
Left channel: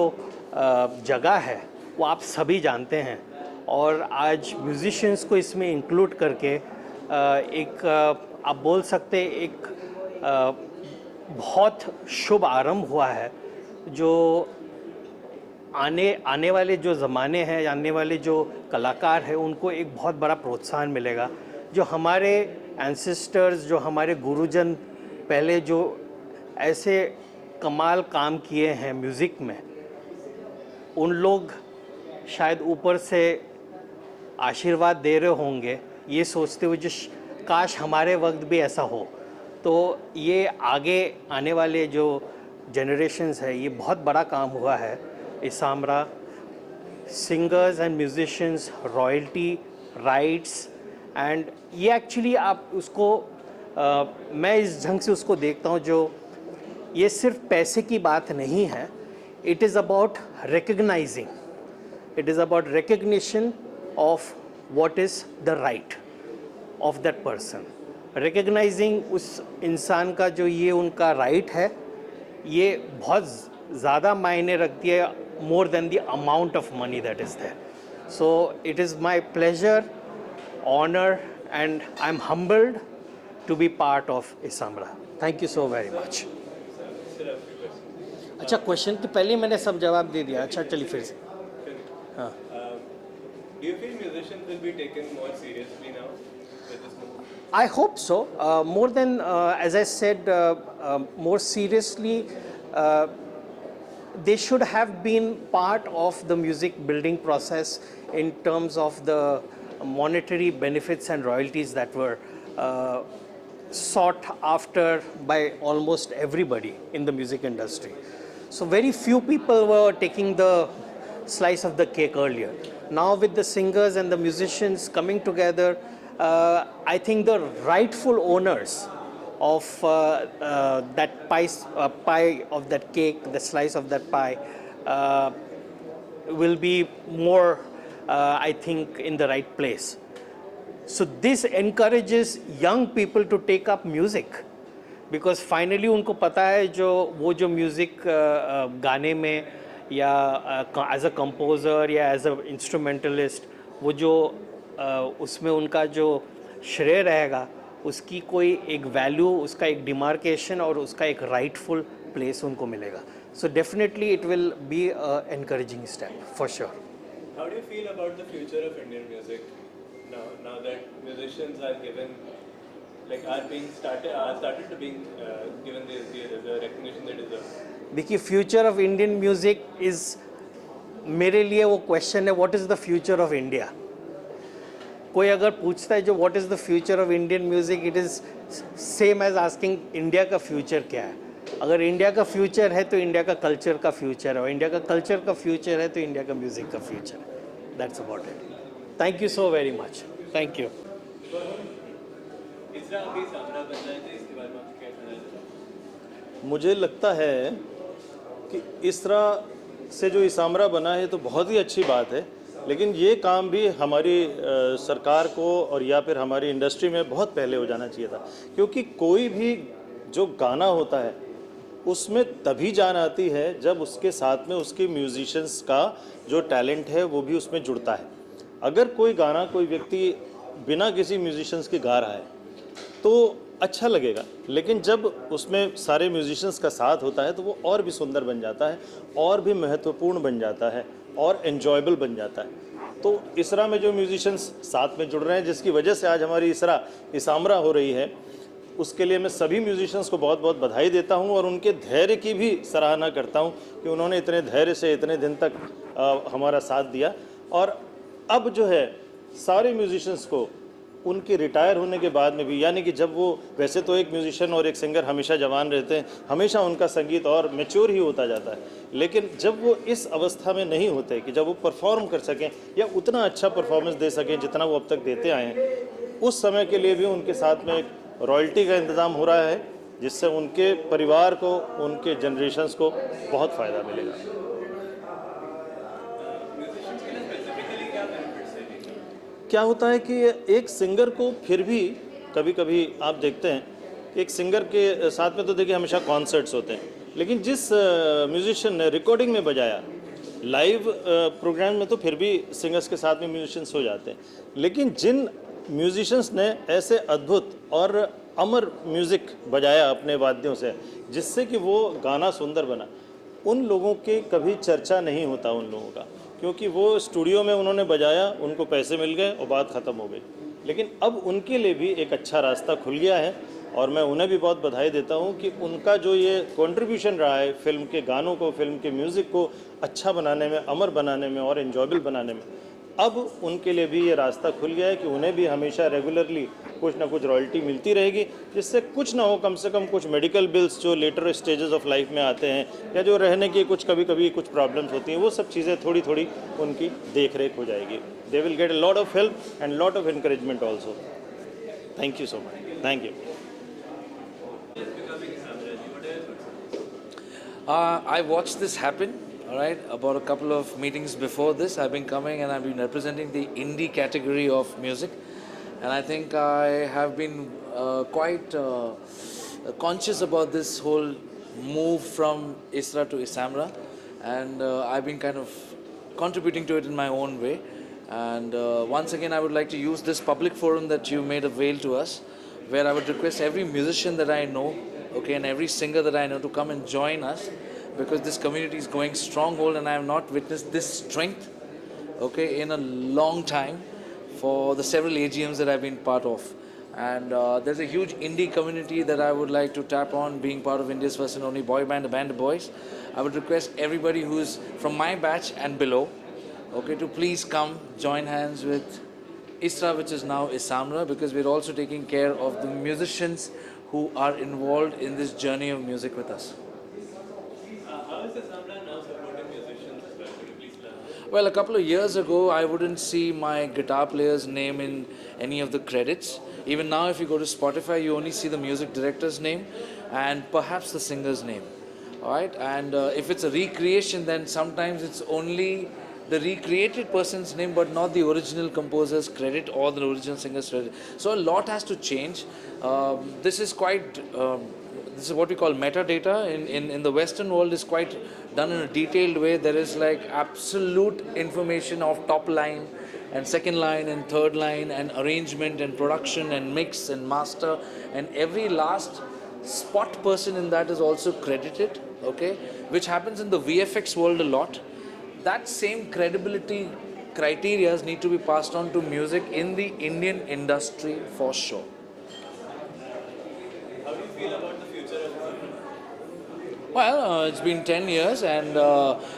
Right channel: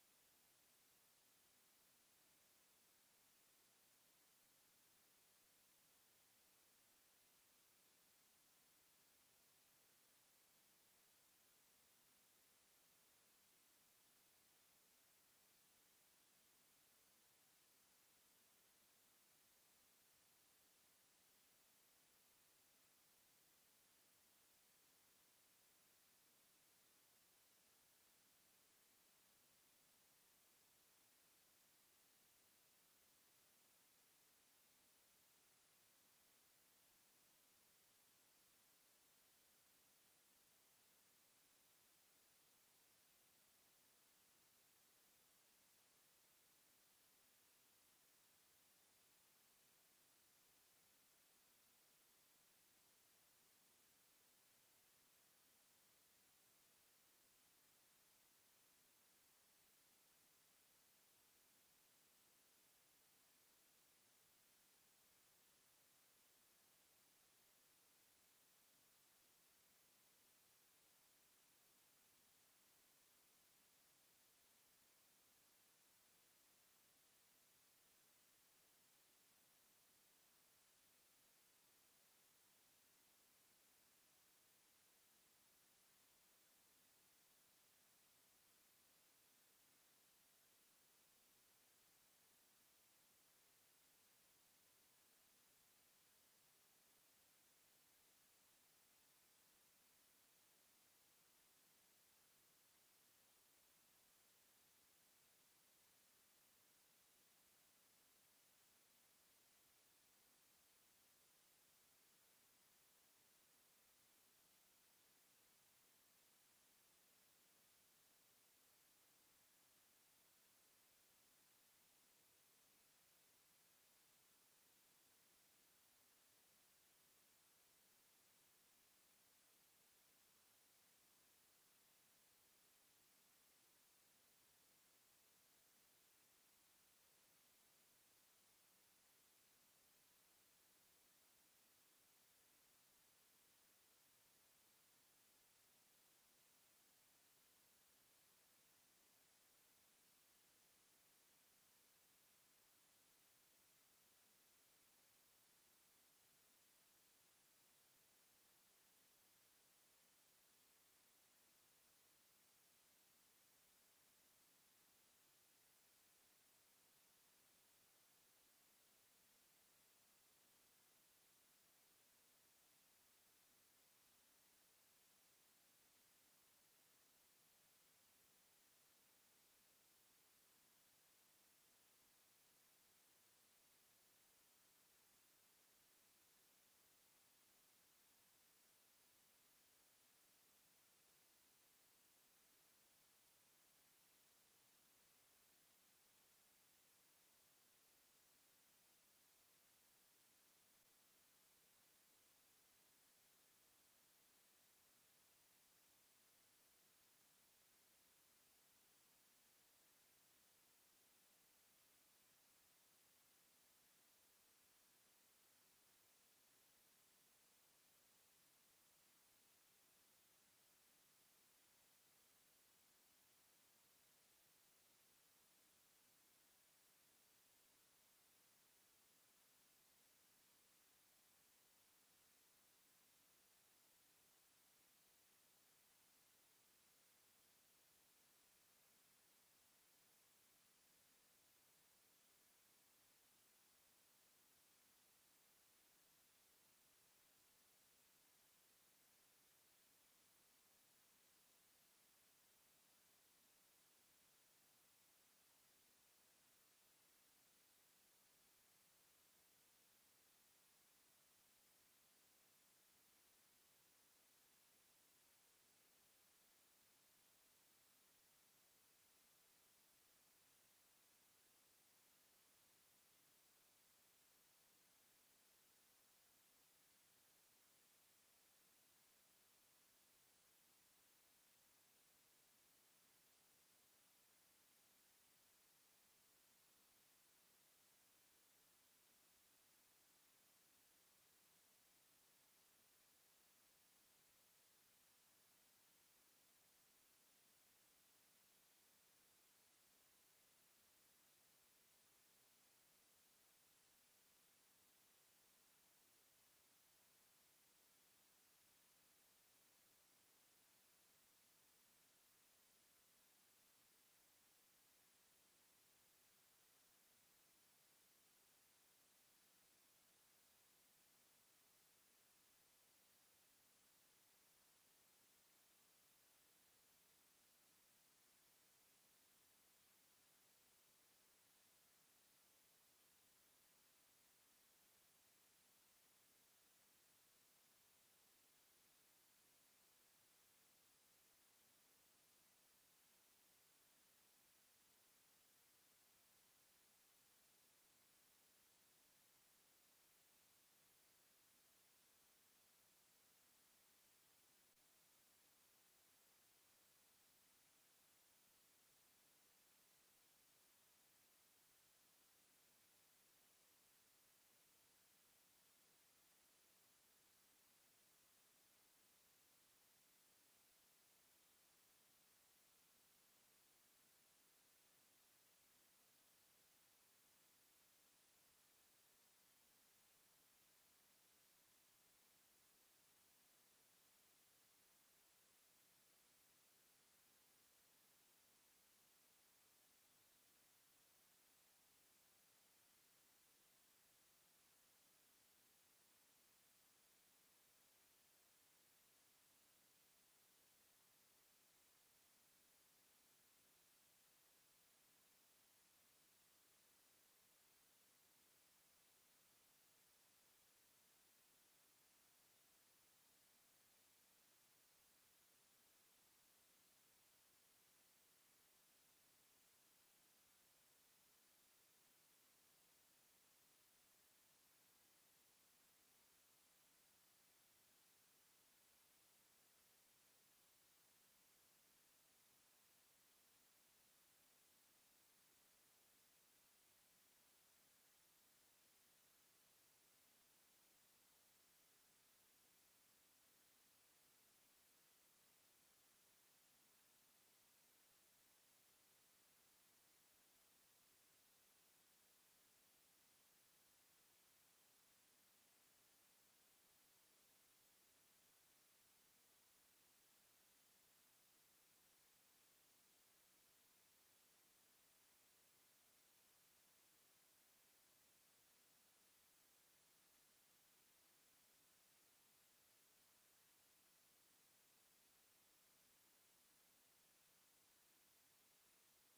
जगह है वो आप सभी जानते हैं, और आज म्यूजिशियंस को इसमें इंक्लूड करके एक आप बोल सकते एक बहुत शुभ आरंभ हुआ है, जो आने वाले जो ज़माने हैं, आने वाले जो कलाकार हैं, उनको एक बहुत बड़ा प्रोत्साहन मिलेगा। जो हमारे एंसेस्टर्स, जो हमारे गुरुजन पहले जो ऐसे कमाल काम किए हैं म्यूज़िक में, उन लोग शायद ऊपर से आशीर्वाद दे रहे होंगे ये सोचते हुए जो काश हमारे वक्त भी ऐसा हो। तो ये आगे आने वाले जो जनरेशन्स है, ये बहुत बड़ा काम हुआ है। ISAMRA singers and musicians, royalty rights, and ये एक्चुअली आप उसको मैं इस ढंग से उसको देखता हूँ, जो ये सिर्फ पैसे की बात नहीं है। It is about recognising, it is about recognition of what is the right of that person, recognizing उस इंसान का जो ये उनका right है, ये बहुत ज़्यादा मायने रखती है, more than the amount of money that is there. So it is my pleasure, honor, and I'm humbled to be part of Isamra. Thank you so very much. अच्छा, क्वेश्चन के पहले मैंने सब जवाब दे दिया। अच्छा चलिए फिर से। हाँ, Do you feel musicians will be taken more seriously now with this movement? I hope so. More than, as I said, more seriously, they should have been part of the music building process in terms of the monetary benefits and royalties that were sought after by almost everybody in the music industry. So very few people were taking the slice of the cake earlier. Now with the singers and the musicians coming together, I think the rightful owners of that pie of that cake, the slice of that pie, will be more, I think, in the right place. So this encourages young people to take up music, because finally उनको पता है वो जो music गाने में या as a composer या as a instrumentalist, वो जो उसमें उनका जो श्रेय रहेगा, उसकी कोई एक वैल्यू, उसका एक डिमार्केशन और उसका एक राइटफुल प्लेस उनको मिलेगा. So definitely it will be a encouraging step for sure. How do you feel about the future of Indian music now that musicians are given, like are started to being given the recognition they deserve? देखिए, future of Indian music is, मेरे लिए वो question है, what is the future of India. कोई अगर पूछता है जो what is the future of Indian music, it is same as asking India का फ्यूचर क्या है. अगर इंडिया का फ्यूचर है तो इंडिया का कल्चर का फ्यूचर है, और इंडिया का कल्चर का फ्यूचर है तो इंडिया का म्यूज़िक का फ्यूचर है. That's about it. Thank you so very much. Thank you. मुझे लगता है कि इस तरह से जो इसामरा बना है तो बहुत ही अच्छी बात है, लेकिन ये काम भी हमारी सरकार को और या फिर हमारी इंडस्ट्री में बहुत पहले हो जाना चाहिए था. क्योंकि कोई भी जो गाना होता है उसमें तभी जान आती है जब उसके साथ में उसके म्यूजिशियंस का जो टैलेंट है वो भी उसमें जुड़ता है. अगर कोई गाना कोई व्यक्ति बिना किसी म्यूजिशियंस के गा रहा है तो अच्छा लगेगा, लेकिन जब उसमें सारे म्यूजिशियंस का साथ होता है तो वो और भी सुंदर बन जाता है, और भी महत्वपूर्ण बन जाता है, और एन्जॉयबल बन जाता है. तो इसरा में जो म्यूजिशियंस साथ में जुड़ रहे हैं, जिसकी वजह से आज हमारी इसामरा हो रही है, उसके लिए मैं सभी म्यूजिशियंस को बहुत बहुत बधाई देता हूं और उनके धैर्य की भी सराहना करता हूं कि उन्होंने इतने धैर्य से इतने दिन तक हमारा साथ दिया. और अब जो है सारे म्यूजिशियंस को उनके रिटायर होने के बाद में भी, यानी कि जब वो, वैसे तो एक म्यूजिशियन और एक सिंगर हमेशा जवान रहते हैं, हमेशा उनका संगीत और मैच्योर ही होता जाता है, लेकिन जब वो इस अवस्था में नहीं होते कि जब वो परफॉर्म कर सकें या उतना अच्छा परफॉर्मेंस दे सकें जितना वो अब तक देते आए हैं, उस समय के लिए भी उनके साथ में एक रॉयल्टी का इंतज़ाम हो रहा है, जिससे उनके परिवार को, उनके जनरेशन्स को बहुत फ़ायदा मिलेगा. क्या होता है कि एक सिंगर को फिर भी कभी कभी आप देखते हैं कि एक सिंगर के साथ में तो देखिए हमेशा कॉन्सर्ट्स होते हैं, लेकिन जिस म्यूजिशियन ने रिकॉर्डिंग में बजाया लाइव प्रोग्राम में तो फिर भी सिंगर्स के साथ में म्यूजिशियंस हो जाते हैं, लेकिन जिन म्यूजिशियंस ने ऐसे अद्भुत और अमर म्यूज़िक बजाया अपने वाद्यों से जिससे कि वो गाना सुंदर बना, उन लोगों की कभी चर्चा नहीं होता उन लोगों का, क्योंकि वो स्टूडियो में उन्होंने बजाया, उनको पैसे मिल गए और बात ख़त्म हो गई। लेकिन अब उनके लिए भी एक अच्छा रास्ता खुल गया है और मैं उन्हें भी बहुत बधाई देता हूं कि उनका जो ये कंट्रीब्यूशन रहा है फिल्म के गानों को, फिल्म के म्यूज़िक को अच्छा बनाने में, अमर बनाने में और एन्जॉयबल बनाने में, अब उनके लिए भी ये रास्ता खुल गया है कि उन्हें भी हमेशा रेगुलरली कुछ ना कुछ रॉयल्टी मिलती रहेगी, जिससे कुछ ना हो, कम से कम कुछ मेडिकल बिल्स जो लेटर स्टेजेस ऑफ लाइफ में आते हैं या जो रहने की कुछ कभी कभी कुछ प्रॉब्लम्स होती हैं, वो सब चीज़ें थोड़ी थोड़ी उनकी देख रेख हो जाएगी। They will get a lot of help and lot of encouragement also. Thank you so much. Thank you. I watched this happen, all right, about a couple of meetings before this. I've been coming and I've been representing the indie category of music, and I think I have been quite conscious about this whole move from ISRA to ISAMRA, and I've been kind of contributing to it in my own way. And once again, I would like to use this public forum that you made avail to us, where I would request every musician that I know, okay, and every singer that I know to come and join us, because this community is going stronghold and I have not witnessed this strength, okay, in a long time for the several AGMs that I've been part of. And there's a huge indie community that I would like to tap on, being part of India's first and only boy band, the Band of Boys. I would request everybody who's from my batch and below, okay, to please come join hands with ISRA, which is now ISAMRA, because we're also taking care of the musicians who are involved in this journey of music with us. How is ISAMRA now supporting musicians as well? Could you please learn? Well, a couple of years ago, I wouldn't see my guitar player's name in any of the credits. Even now, if you go to Spotify, you only see the music director's name and perhaps the singer's name. All right, and if it's a recreation, then sometimes it's only the recreated person's name but not the original composer's credit or the original singer's credit. So a lot has to change. This is quite, this is what we call metadata in the Western world, is quite done in a detailed way. There is like absolute information of top line and second line and third line and arrangement and production and mix and master, and every last spot person in that is also credited, okay, which happens in the VFX world a lot. That same credibility criteria need to be passed on to music in the Indian industry for sure. How do you feel about the future of ISAMRA? Well, it's been 10 years and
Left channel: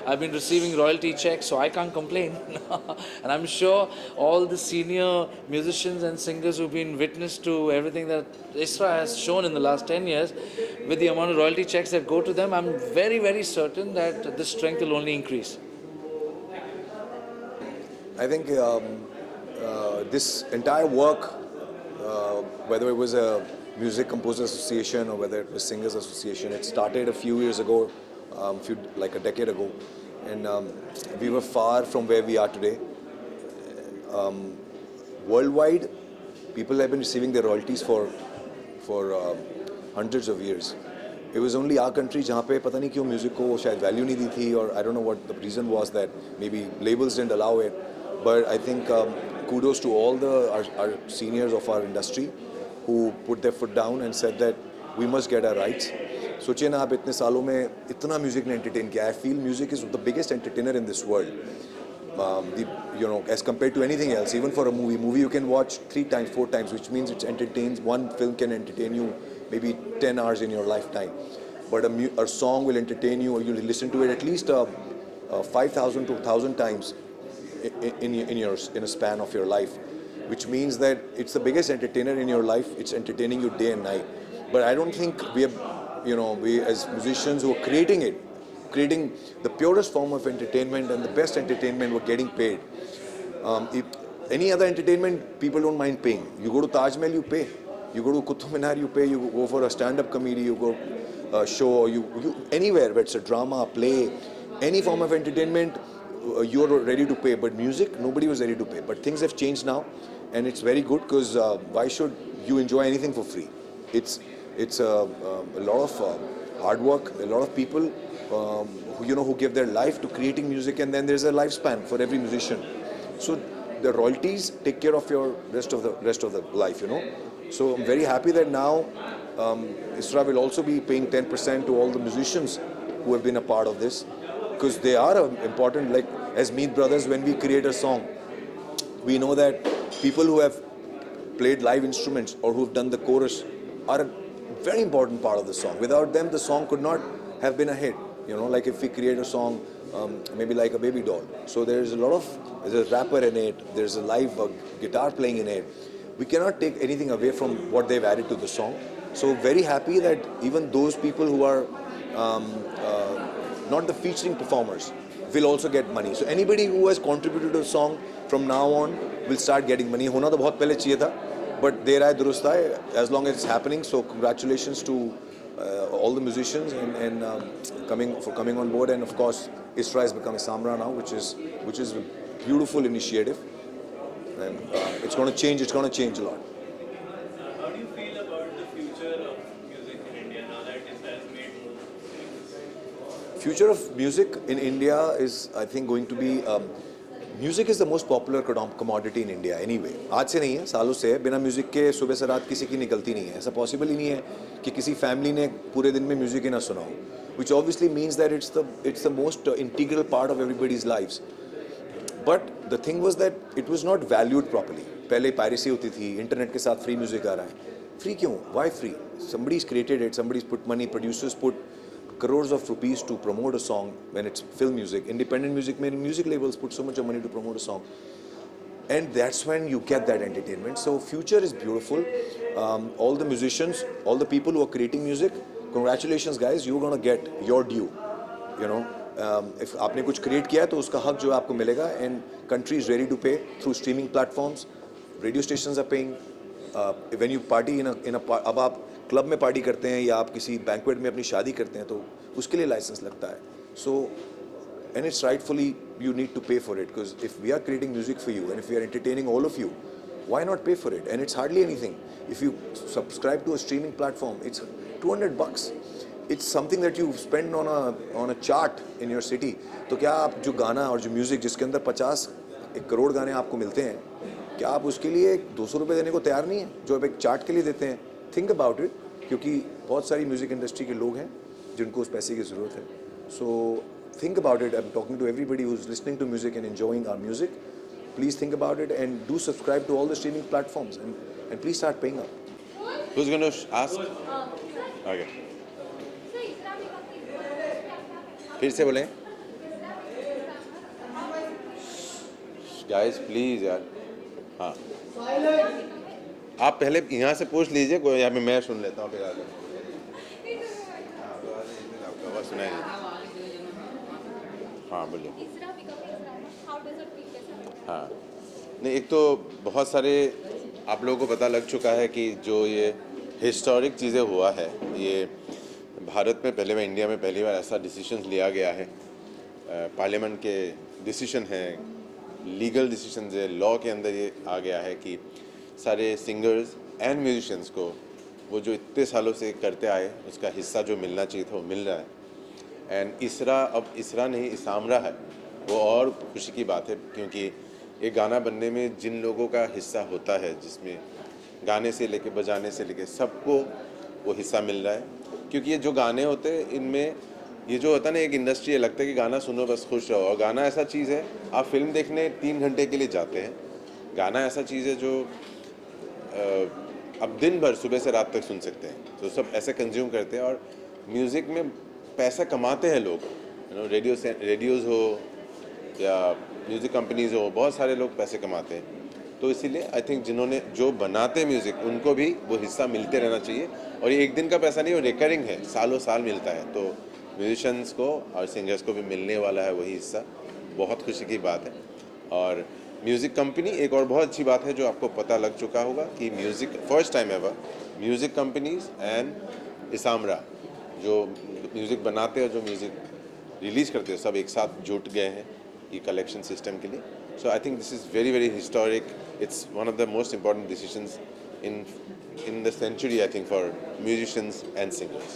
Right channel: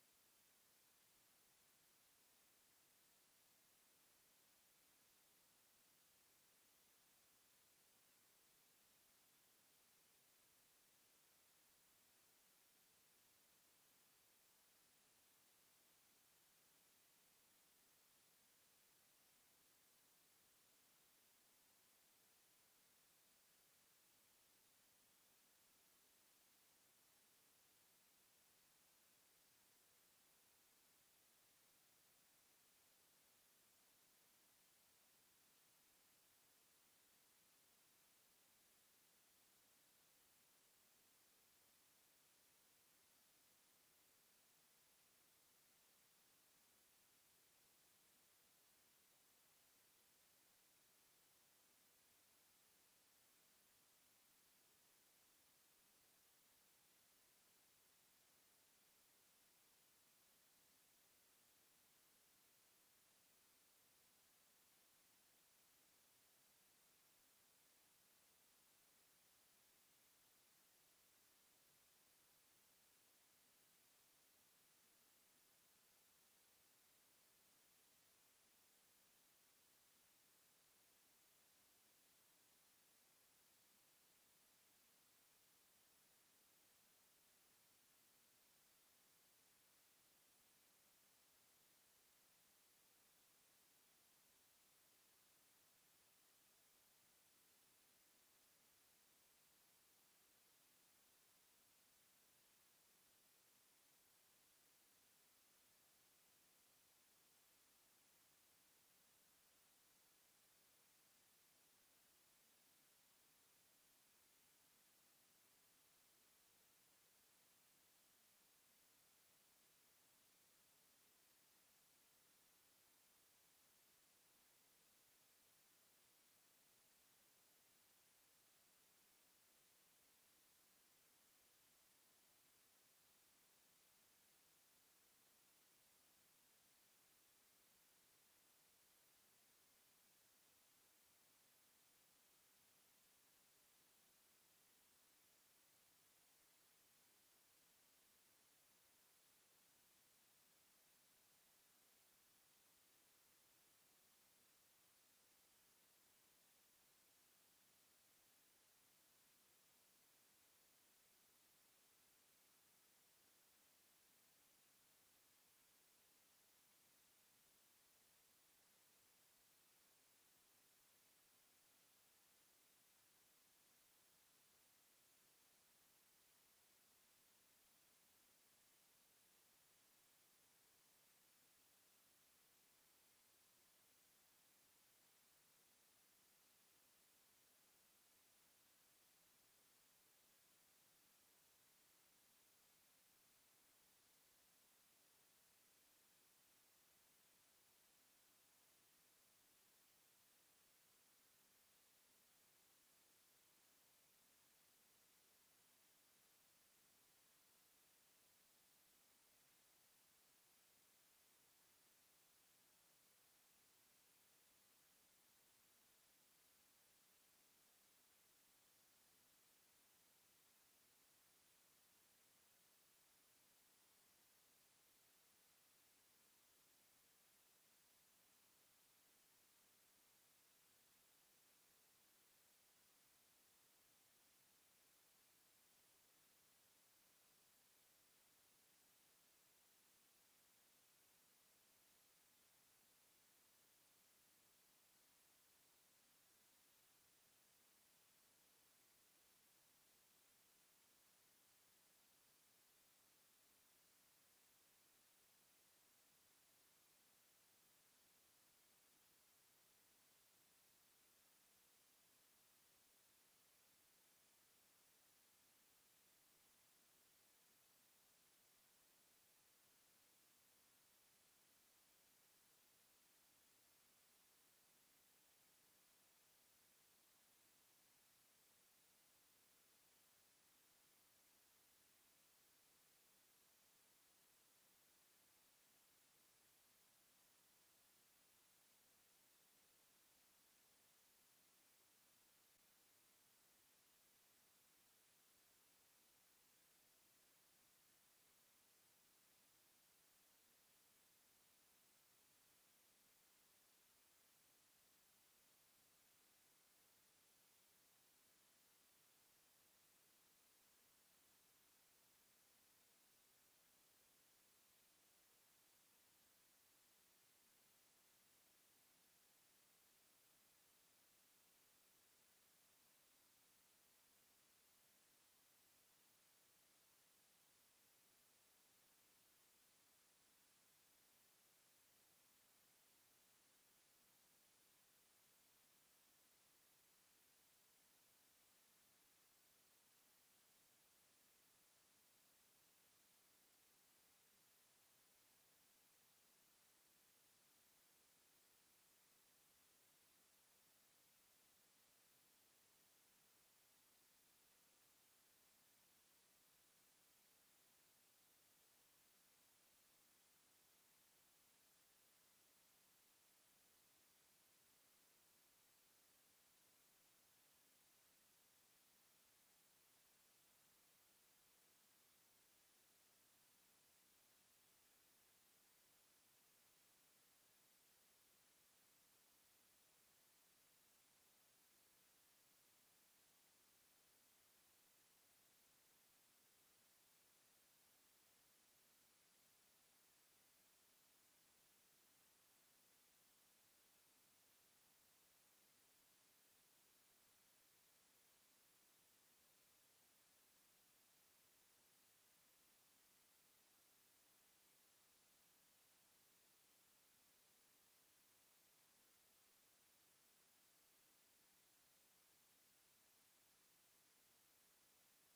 I've been receiving royalty checks, so I can't complain. And I'm sure all the senior musicians and singers who've been witness to everything that ISRA has shown in the last 10 years, with the amount of royalty checks that go to them, I'm very, very certain that this strength will only increase. I think this entire work, whether it was a Music Composers Association or whether it was Singers Association, it started a few years ago, like a decade ago, and we were far from where we are today. Worldwide, people have been receiving their royalties for hundreds of years. It was only our country जहाँ पे पता नहीं क्यों music को शायद value नहीं दी थी, और I don't know what the reason was, that maybe labels didn't allow it. But I think kudos to all our seniors of our industry who put their foot down and said that we must get our rights. सोचिए ना आप इतने सालों में इतना music ने entertain किया. I feel music is the biggest entertainer in this world. You know, as compared to anything else, even for a movie you can watch 3 times, 4 times, which means it entertains. One film can entertain you maybe 10 hours in your lifetime, but a song will entertain you, or you'll listen to it at least 5,000 to 1,000 times in a span of your life, which means that it's the biggest entertainer in your life. It's entertaining you day and night. But I don't think we as musicians who are creating the purest form of entertainment and the best entertainment, we're getting paid. If any other entertainment, people don't mind paying. You go to Taj Mahal, you pay. You go to Qutub Minar, you pay. You go for a stand-up comedy, you go show, you anywhere, whether it's a drama, play, any form of entertainment, you're ready to pay. But music, nobody was ready to pay. But things have changed now, and it's very good, because why should you enjoy anything for free? It's a lot of hard work, a lot of people who give their life to creating music, and then there's a lifespan for every musician. So the royalties take care of your rest of the life, So I'm very happy that now ISRA will also be paying 10% to all the musicians who have been a part of this, because they are important. Like as Meet Brothers, when we create a song, we know that people who have played live instruments or who've done the chorus are a very important part of the song. Without them, the song could not have been a hit. Like if we create a song, maybe like a Baby Doll. So there's a rapper in it, there's a live guitar playing in it. We cannot take anything away from what they've added to the song. So very happy that even those people who are not the featuring performers will also get money. So anybody who has contributed to a song from now on will start getting money. होना तो बहुत पहले चाहिए था, but देर आए दुरुस्त आए, as long as it's happening. So congratulations to all the musicians and coming on board, and of course ISRA has become Isamra now, which is a beautiful initiative, and it's going to change a lot. How do you feel about the future of music in India now that ISRA has made moves? Future of music in India is, I think, going to be music is the most popular commodity in India anyway. आज से नहीं है, सालों से है. बिना music के सुबह से रात किसी की निकलती नहीं है. ऐसा पॉसिबल ही नहीं है कि किसी फैमिली ने पूरे दिन में म्यूजिक ही ना सुना हो. Which obviously means that it's the most integral part of everybody's lives. But the thing was that it was not valued properly. पहले piracy होती थी, इंटरनेट के साथ free music आ रहा है. Free क्यों? Why free? Somebody's created it, somebody's put money, producers put crores of rupees to promote a song when it's film music. Independent music labels put so much of money to promote a song. And that's when you get that entertainment. So future is beautiful. All the musicians, all the people who are creating music, congratulations guys, you're going to get your due. If आपने कुछ create किया है तो उसका हक जो है आपको मिलेगा, and country is ready to pay through streaming platforms. Radio stations are paying. When you party अब आप क्लब में पार्टी करते हैं या आप किसी बैंक्वेट में अपनी शादी करते हैं तो उसके लिए लाइसेंस लगता है. So and it's rightfully you need to pay for it, because if we are creating music for you and if we are entertaining all of you, why not pay for it? And it's hardly anything. If you subscribe to a streaming platform, it's $200. It's something that you spend on a chart in your city. तो क्या आप जो गाना और जो music जिसके अंदर 1 करोड़ गाने आपको मिलते हैं, क्या आप उसके लिए 200 रुपये देने को तैयार नहीं है जो आप एक चार्ट के लिए देते हैं? Think about it, क्योंकि बहुत सारी म्यूजिक इंडस्ट्री के लोग हैं जिनको उस पैसे की ज़रूरत है. So think about it. I'm talking to everybody who's listening to music and enjoying our music. Please think about it and do subscribe to all the streaming platforms and please start paying up. Who's going to ask? Okay. फिर से बोलें. Guys, please यार. हाँ. आप पहले यहाँ से पूछ लीजिए, कोई यहाँ पे मैं सुन लेता हूँ फिर आगे. आपका आवाज़ सुनाई नहीं. हाँ बोलिए. हाँ नहीं, एक तो बहुत सारे आप लोगों को पता लग चुका है कि जो ये हिस्टोरिक चीज़ें हुआ है, ये भारत में पहले, इंडिया में पहली बार ऐसा डिसीजन लिया गया है. पार्लियामेंट के डिसीजन हैं, लीगल डिसीजन है, लॉ के अंदर ये आ गया है कि सारे सिंगर्स एंड म्यूजिशियंस को वो जो इतने सालों से करते आए उसका हिस्सा जो मिलना चाहिए था वो मिल रहा है. एंड अब इसरा नहीं इसामरा है, वो और खुशी की बात है, क्योंकि एक गाना बनने में जिन लोगों का हिस्सा होता है, जिसमें गाने से लेके बजाने से लेके सबको वो हिस्सा मिल रहा है. क्योंकि ये जो गाने होते हैं इनमें ये जो होता है ना, एक इंडस्ट्री है, लगता है कि गाना सुनो बस खुश रहो, और गाना ऐसा चीज़ है, आप फिल्म देखने 3 घंटे के लिए जाते हैं. गाना ऐसा चीज़ है जो अब दिन भर सुबह से रात तक सुन सकते हैं, तो सब ऐसे कंज्यूम करते हैं. और म्यूज़िक में पैसा कमाते हैं लोग, रेडियोज़ हो या म्यूज़िक कंपनीज़ हो, बहुत सारे लोग पैसे कमाते हैं. तो इसीलिए आई थिंक जिन्होंने जो बनाते म्यूज़िक उनको भी वो हिस्सा मिलते रहना चाहिए. और ये एक दिन का पैसा नहीं, वो रिकरिंग है, सालों साल मिलता है. तो म्यूजिशियंस को और सिंगर्स को भी मिलने वाला है वही हिस्सा. बहुत खुशी की बात है. और म्यूज़िक कंपनी, एक और बहुत अच्छी बात है जो आपको पता लग चुका होगा कि music first time ever music companies and ISAMRA जो म्यूज़िक बनाते हैं और जो म्यूज़िक रिलीज़ करते हैं सब एक साथ जुट गए हैं ये कलेक्शन सिस्टम के लिए. So I think this is very very historic. It's one of the most important decisions in the century, I think, for musicians and singers.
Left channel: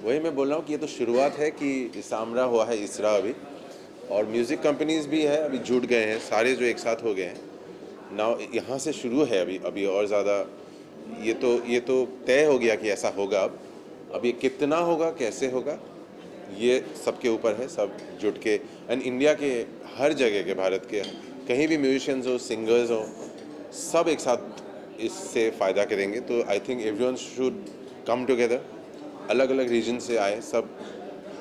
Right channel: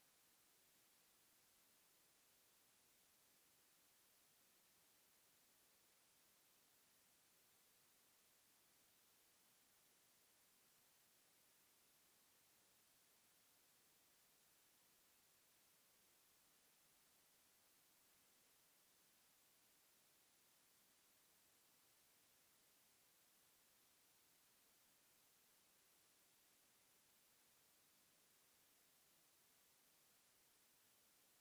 वही मैं बोल रहा हूँ कि ये तो शुरुआत है कि इसामरा हुआ है इसरा अभी, और म्यूज़िक कंपनीज भी है अभी जुट गए हैं सारे जो एक साथ हो गए हैं नाउ, यहाँ से शुरू है अभी और ज़्यादा ये तो तय हो गया कि ऐसा होगा। अब ये कितना होगा कैसे होगा ये सबके ऊपर है, सब जुट के। एंड इंडिया के हर जगह के, भारत के कहीं भी म्यूजिशियंस हो, सिंगर्स हो, सब एक साथ इससे फ़ायदा करेंगे। तो I think everyone should come together. अलग अलग रीजन से आए सब,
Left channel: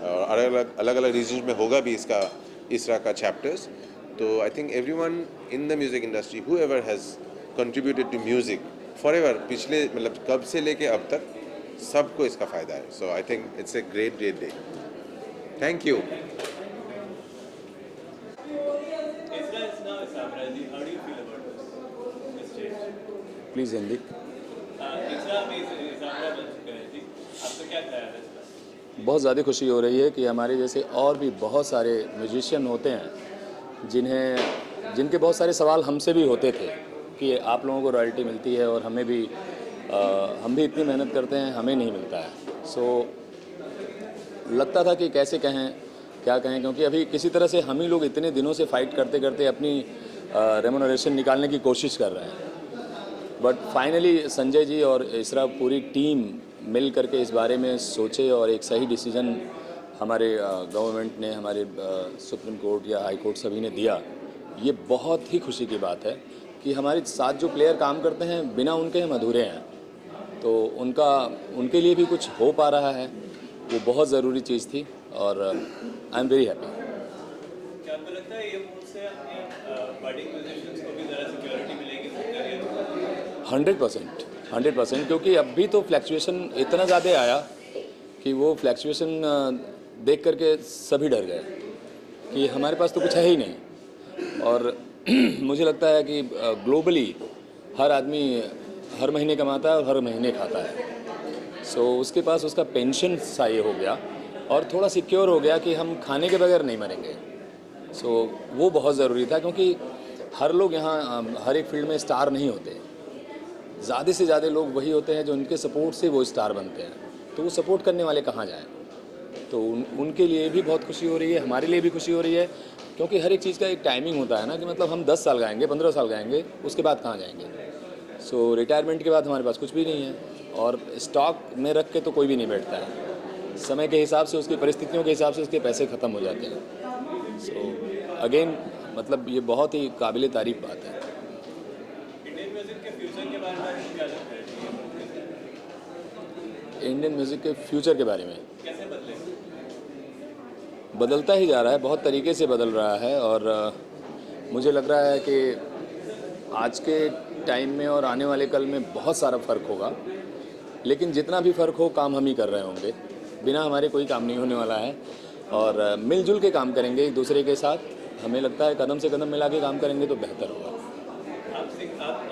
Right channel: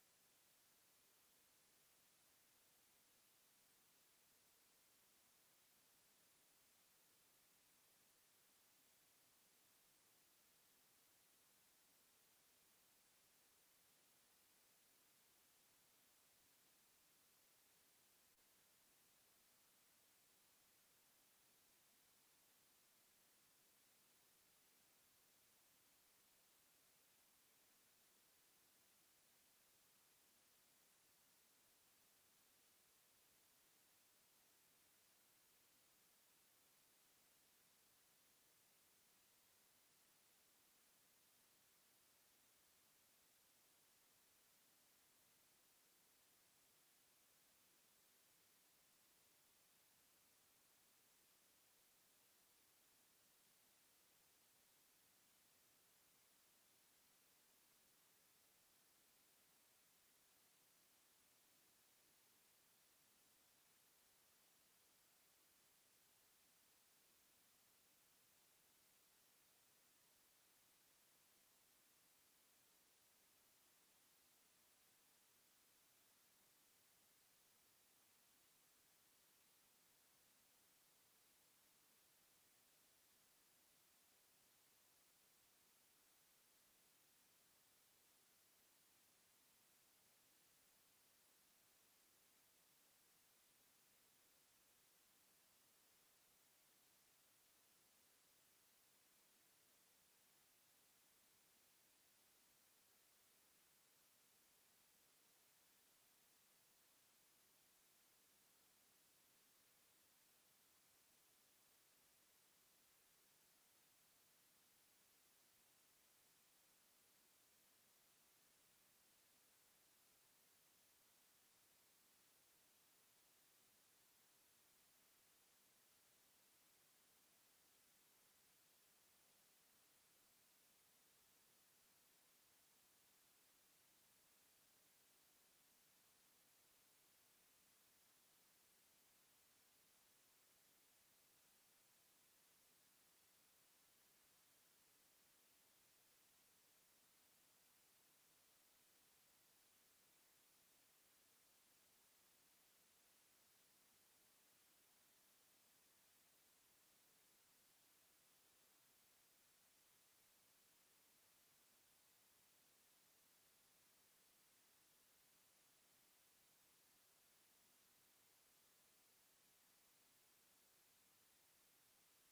अलग अलग रीजन में होगा भी इसरा का चैप्टर्स। तो I think everyone in the music industry whoever has contributed to music forever, पिछले मतलब कब से लेके अब तक सबको इसका फ़ायदा है। So I think it's a great day. Thank you. Please Hindi. बहुत ज़्यादा खुशी हो रही है कि हमारे जैसे और भी बहुत सारे म्यूजिशियन होते हैं जिनके बहुत सारे सवाल हमसे भी होते थे कि आप लोगों को रॉयल्टी मिलती है और हमें भी हम भी इतनी मेहनत करते हैं, हमें नहीं मिलता है। सो लगता था कि कैसे कहें, क्या कहें, क्योंकि अभी किसी तरह से हम ही लोग इतने दिनों से फाइट करते करते अपनी रेमुनरेशन निकालने की कोशिश कर रहे हैं। बट फाइनली संजय जी और इसरा पूरी टीम मिल करके इस बारे में सोचे और एक सही डिसीजन हमारे गवर्नमेंट ने, हमारे सुप्रीम कोर्ट या हाई कोर्ट सभी ने दिया। ये बहुत ही खुशी की बात है कि हमारे साथ जो प्लेयर काम करते हैं बिना उनके हम अधूरे हैं। तो उनके लिए भी कुछ हो पा रहा है, वो बहुत ज़रूरी चीज़ थी और आई एम वेरी हैप्पी। क्या आपको लगता है ये मूव से अपने बडिंग म्यूजिशियंस को भी ज़रा सिक्योरिटी मिलेगी 100%, क्योंकि अभी तो फ्लैक्चुएशन इतना ज़्यादा आया कि वो फ्लैक्चुएशन देख करके सभी डर गए कि हमारे पास तो कुछ है ही नहीं। और मुझे लगता है कि ग्लोबली हर आदमी हर महीने कमाता है और हर महीने खाता है। सो उसके पास उसका पेंशन सा ये हो गया और थोड़ा सिक्योर हो गया कि हम खाने के बगैर नहीं मरेंगे। सो वो बहुत ज़रूरी था, क्योंकि हर लोग यहाँ हर एक फील्ड में स्टार नहीं होते। ज़्यादा से ज़्यादा लोग वही होते हैं जो उनके सपोर्ट से वो स्टार बनते हैं। तो वो सपोर्ट करने वाले कहाँ जाएँ? तो उनके लिए भी बहुत खुशी हो रही है, हमारे लिए भी खुशी हो रही है, क्योंकि हर एक चीज़ का एक टाइमिंग होता है ना कि मतलब हम 10 साल गाएंगे, 15 साल गाएंगे, उसके बाद कहाँ जाएंगे? सो रिटायरमेंट के बाद हमारे पास कुछ भी नहीं है और स्टॉक में रख के तो कोई भी नहीं बैठता है। समय के हिसाब से, उसकी परिस्थितियों के हिसाब से उसके पैसे ख़त्म हो जाते हैं। सो अगेन मतलब ये बहुत ही काबिल तारीफ बात है। इंडियन म्यूजिक के फ्यूचर के बारे में क्या लगता है? इंडियन म्यूज़िक के फ्यूचर के बारे में कैसे बदलेगा? बदलता ही जा रहा है, बहुत तरीके से बदल रहा है और मुझे लग रहा है कि आज के टाइम में और आने वाले कल में बहुत सारा फ़र्क होगा। लेकिन जितना भी फ़र्क हो, काम हम ही कर रहे होंगे, बिना हमारे कोई काम नहीं होने वाला है और मिलजुल के काम करेंगे एक दूसरे के साथ। हमें लगता है कदम से कदम मिला के काम करेंगे तो बेहतर होगा। आप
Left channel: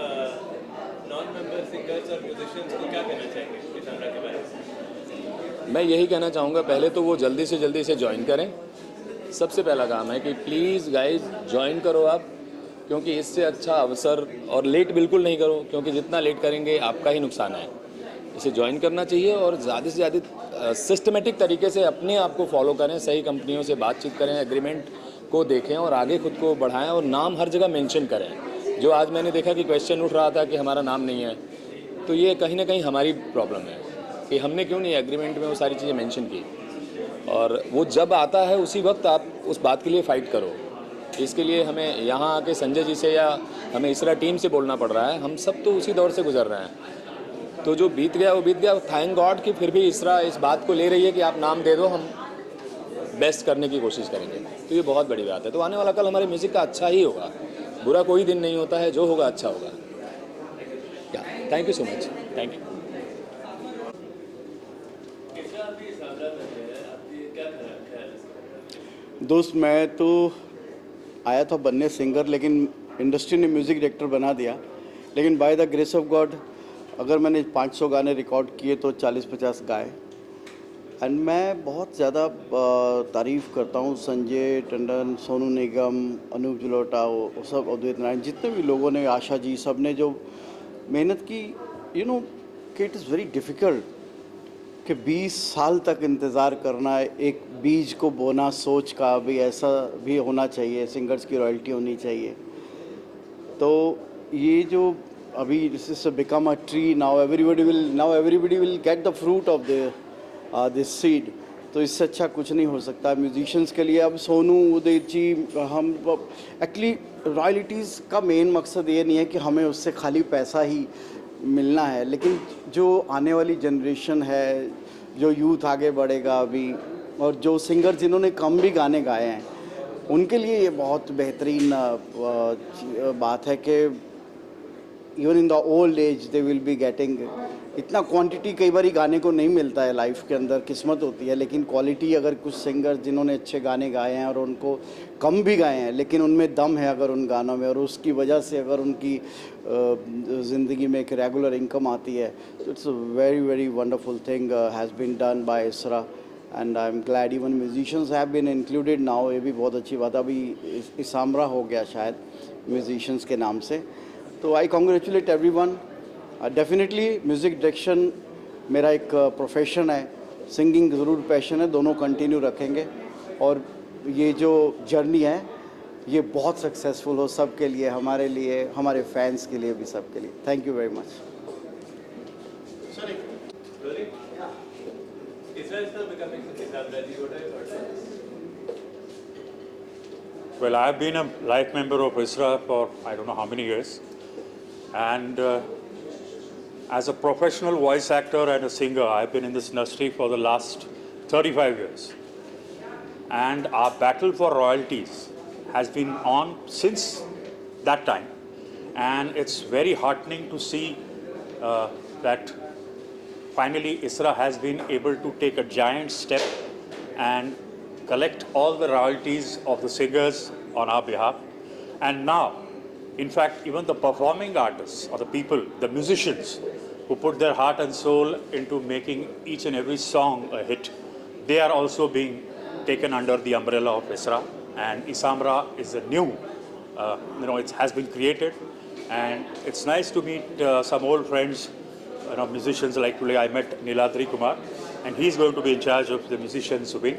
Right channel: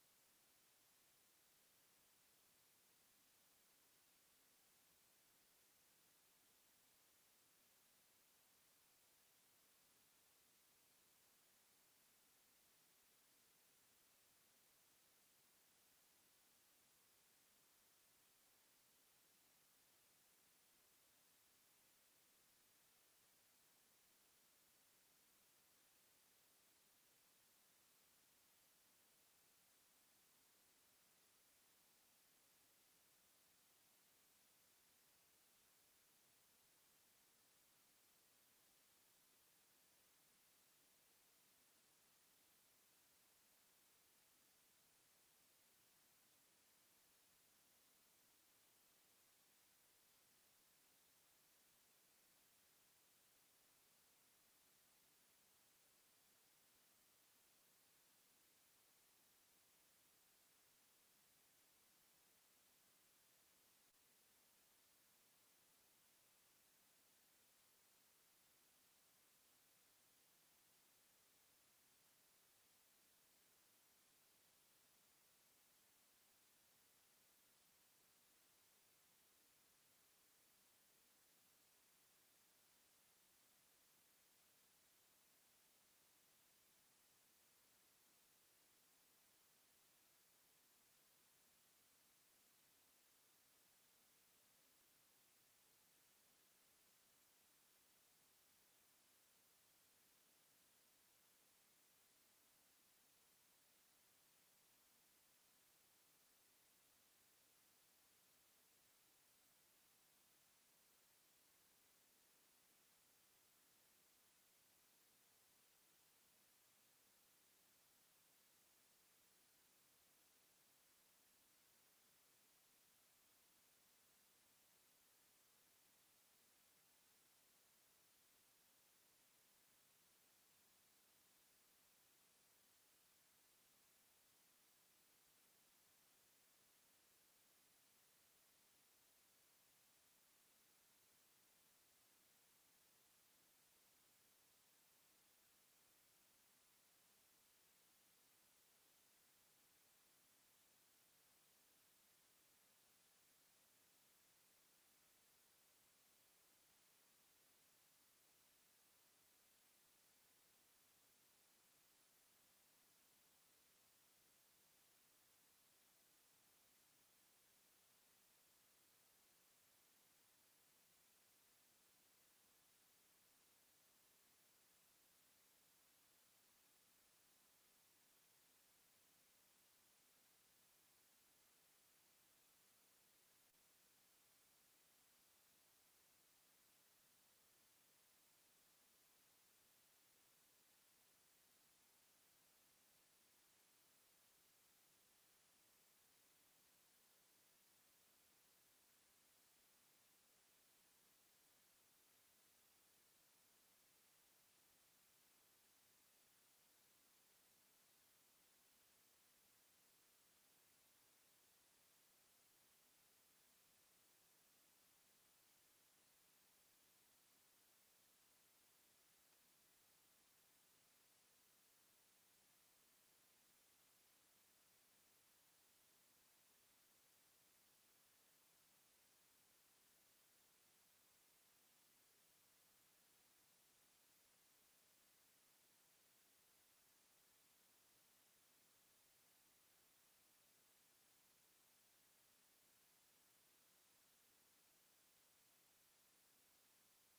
नॉन मेंबर सिंगर्स और म्यूजिशियंस को क्या कहना चाहेंगे इसामरा के बारे में? मैं यही कहना चाहूँगा, पहले तो वो जल्दी से जल्दी इसे ज्वाइन करें। सबसे पहला काम है कि प्लीज़ गाइस ज्वाइन करो आप, क्योंकि इससे अच्छा अवसर, और लेट बिल्कुल नहीं करो, क्योंकि जितना लेट करेंगे आपका ही नुकसान है। इसे ज्वाइन करना चाहिए और ज़्यादा से ज़्यादा सिस्टमेटिक तरीके से अपने आप को फॉलो करें, सही कंपनियों से बातचीत करें, एग्रीमेंट को देखें और आगे खुद को बढ़ाएं और नाम हर जगह मेंशन करें। जो आज मैंने देखा कि क्वेश्चन उठ रहा था कि हमारा नाम नहीं है, तो ये कहीं ना कहीं हमारी प्रॉब्लम है कि हमने क्यों नहीं एग्रीमेंट में वो सारी चीज़ें मेंशन की। और वो जब आता है उसी वक्त आप उस बात के लिए फ़ाइट करो। इसके लिए हमें यहाँ आके संजय जी से या हमें इसरा टीम से बोलना पड़ रहा है। हम सब तो उसी दौर से गुजर रहे हैं, तो जो बीत गया वो बीत गया। थैंक गॉड कि फिर भी इसरा इस बात को ले रही है कि आप नाम दे दो, हम बेस्ट करने की कोशिश करेंगे। तो ये बहुत बड़ी बात है। तो आने वाला कल हमारे म्यूज़िक का अच्छा ही होगा, बुरा कोई दिन नहीं होता है, जो होगा अच्छा होगा। Thank you so much, thank you. दोस्त, मैं तो आया था बनने सिंगर, लेकिन इंडस्ट्री ने म्यूज़िक डायरेक्टर बना दिया। लेकिन by the grace of God अगर मैंने 500 गाने रिकॉर्ड किए तो 40-50 गाए। एंड मैं बहुत ज़्यादा तारीफ़ करता हूँ संजय टंडन, सोनू निगम, अनूप जलोटा, वो सब, अद्वैत नारायण, जितने भी लोगों ने, आशा जी, सब ने जो मेहनत की। यू नो कि इट इज़ वेरी डिफ़िकल्ट कि 20 साल तक इंतज़ार करना है एक बीज को बोना, सोच का भी ऐसा भी होना चाहिए, सिंगर्स की रॉयल्टी होनी चाहिए। तो ये जो अभी this is become a tree, now everybody will get the fruit of this seed. तो इससे अच्छा कुछ नहीं हो सकता म्यूजिशियंस के लिए। अब सोनू, उदित जी, हम एक्चुअली रॉयल्टीज़ का मेन मकसद ये नहीं है कि हमें उससे खाली पैसा ही मिलना है, लेकिन जो आने वाली जनरेशन है, जो यूथ आगे बढ़ेगा अभी, और जो सिंगर जिन्होंने कम भी गाने गाए हैं, उनके लिए ये बहुत बेहतरीन बात है कि even in the old age they will be getting. इतना क्वांटिटी कई बार गाने को नहीं मिलता है लाइफ के अंदर, किस्मत होती है, लेकिन क्वालिटी अगर कुछ सिंगर जिन्होंने अच्छे गाने गाए हैं और उनको कम भी गाए हैं लेकिन उनमें दम है अगर उन गानों में, और उसकी वजह से अगर उनकी ज़िंदगी में एक रेगुलर इनकम आती है, तो it's a very very wonderful thing has been done by ISRA, and I am glad even musicians have been included now. ये भी बहुत अच्छी बात है। अभी इसामरा हो गया शायद म्यूजिशियंस के नाम से। तो I congratulate everyone. Definitely music direction मेरा एक प्रोफेशन है, सिंगिंग ज़रूर पैशन है, दोनों कंटिन्यू रखेंगे, और ये जो जर्नी है ये बहुत सक्सेसफुल हो सबके लिए, हमारे लिए, हमारे फैंस के लिए भी, सबके लिए। Thank you very much. Well, I've been a life member of ISRA for I don't know how many years, and as a professional voice actor and a singer, I've been in this industry for the last 35 years. And our battle for royalties has been on since that time. And it's very heartening to see that finally ISRA has been able to take a giant step and collect all the royalties of the singers on our behalf. And now, in fact, even the performing artists or the people, the musicians who put their heart and soul into making each and every song a hit, they are also being taken under the umbrella of ISRA. And Isamra is a new, it has been created, and it's nice to meet some old friends, musicians. Like today I met Niladri Kumar, and he's going to be in charge of the musicians wing.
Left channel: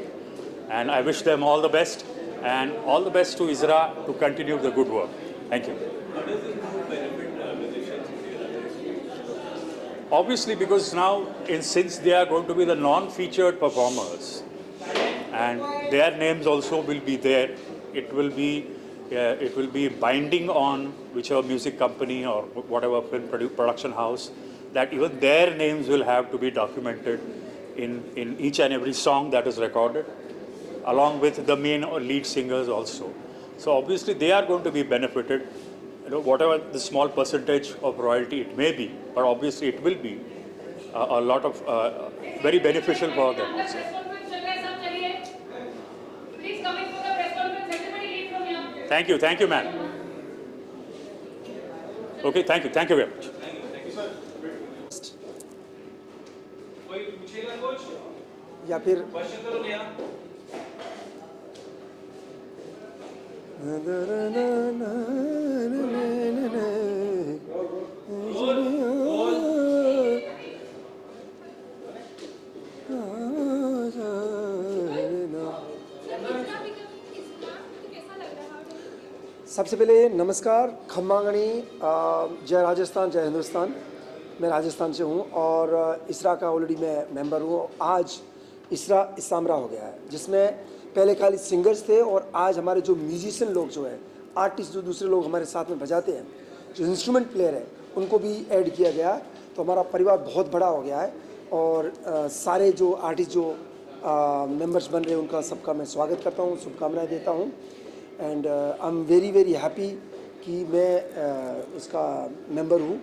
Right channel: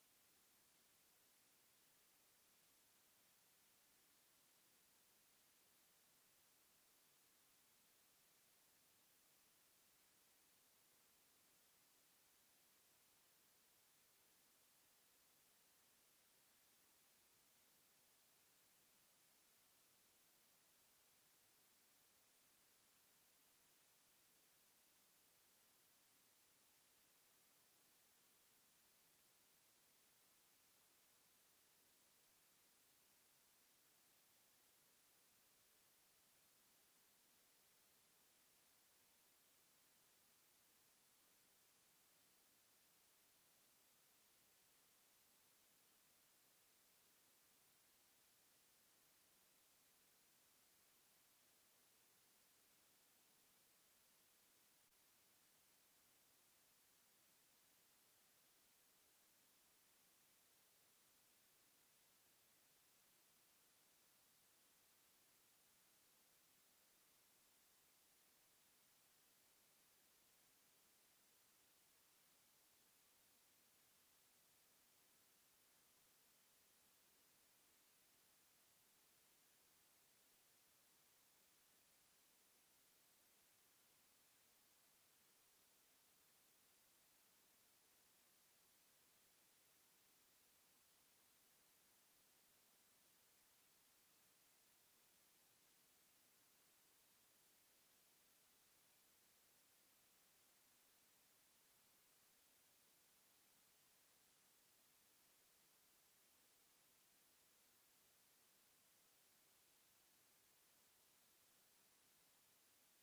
And I wish them all the best, and all the best to ISRA to continue the good work. Thank you. How does this move benefit musicians? Obviously, because now, since they are going to be the non-featured performers, and their names also will be there, it will be binding on whichever music company or whatever film production house, that even their names will have to be documented in each and every song that is recorded, along with the main or lead singers also. So obviously they are going to be benefited, whatever the small percentage of royalty it may be, but obviously it will be a lot of very beneficial for them also. Thank you, ma'am. Okay, thank you very much. या फिर सबसे पहले नमस्कार, खम्मागणी, जय राजस्थान, जय हिंदुस्तान। मैं राजस्थान से हूँ और इसरा का ऑलरेडी मैं मेंबर हूँ। आज इसरा इसामरा हो गया है, जिसमें पहले खाली सिंगर्स थे और आज हमारे जो म्यूजिशियन लोग जो हैं, आर्टिस्ट जो दूसरे लोग हमारे साथ में बजाते हैं, जो इंस्ट्रूमेंट प्लेयर है, उनको भी ऐड किया गया है। तो हमारा परिवार बहुत बड़ा हो गया है और सारे जो आर्टिस्ट जो मेंबर्स बन रहे हैं उनका सबका मैं स्वागत करता हूँ, शुभकामनाएँ देता हूँ। And I am very very happy कि मैं इसका मेंबर हूँ।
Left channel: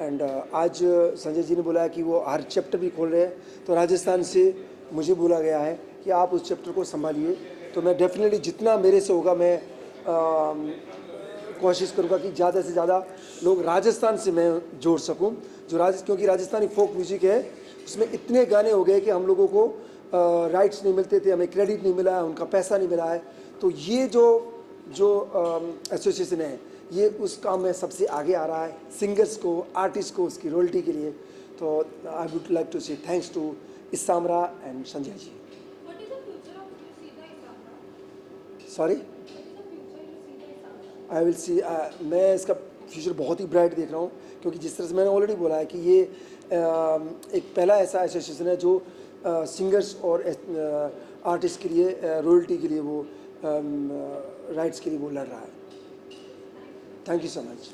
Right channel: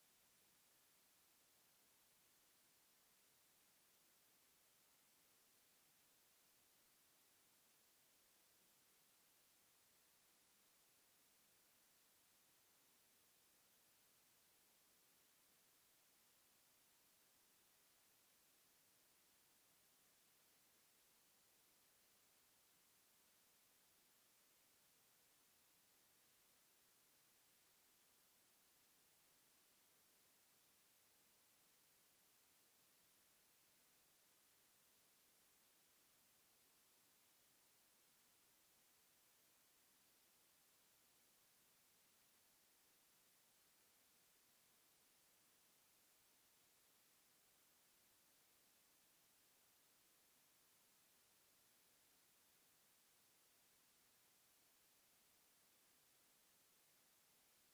एंड आज संजय जी ने बोला कि वो हर चैप्टर भी खोल रहे हैं, तो राजस्थान से मुझे बोला गया है कि आप उस चैप्टर को संभालिए। तो मैं डेफिनेटली जितना मेरे से होगा मैं कोशिश करूँगा कि ज़्यादा से ज़्यादा लोग राजस्थान से मैं जोड़ सकूँ। क्योंकि राजस्थानी फोक म्यूज़िक है, उसमें इतने गाने हो गए कि हम लोगों को राइट्स नहीं मिलते थे, हमें क्रेडिट नहीं मिला है, उनका पैसा नहीं मिला है। तो ये जो एसोसिएशन है, ये उस काम में सबसे आगे आ रहा है, सिंगर्स को, आर्टिस्ट को उसकी रॉयल्टी के लिए। तो I would like to say thanks to Isamra and Sanjay ji. Sorry? I will see. मैं इसका फ्यूचर बहुत ही ब्राइट देख रहा हूँ, क्योंकि जिस तरह से मैंने ऑलरेडी बोला है कि ये एक पहला ऐसा एसोसिएशन है जो सिंगर्स और आर्टिस्ट के लिए रॉयल्टी के लिए वो राइट्स के लिए वो लड़ रहा है. Thank you so much.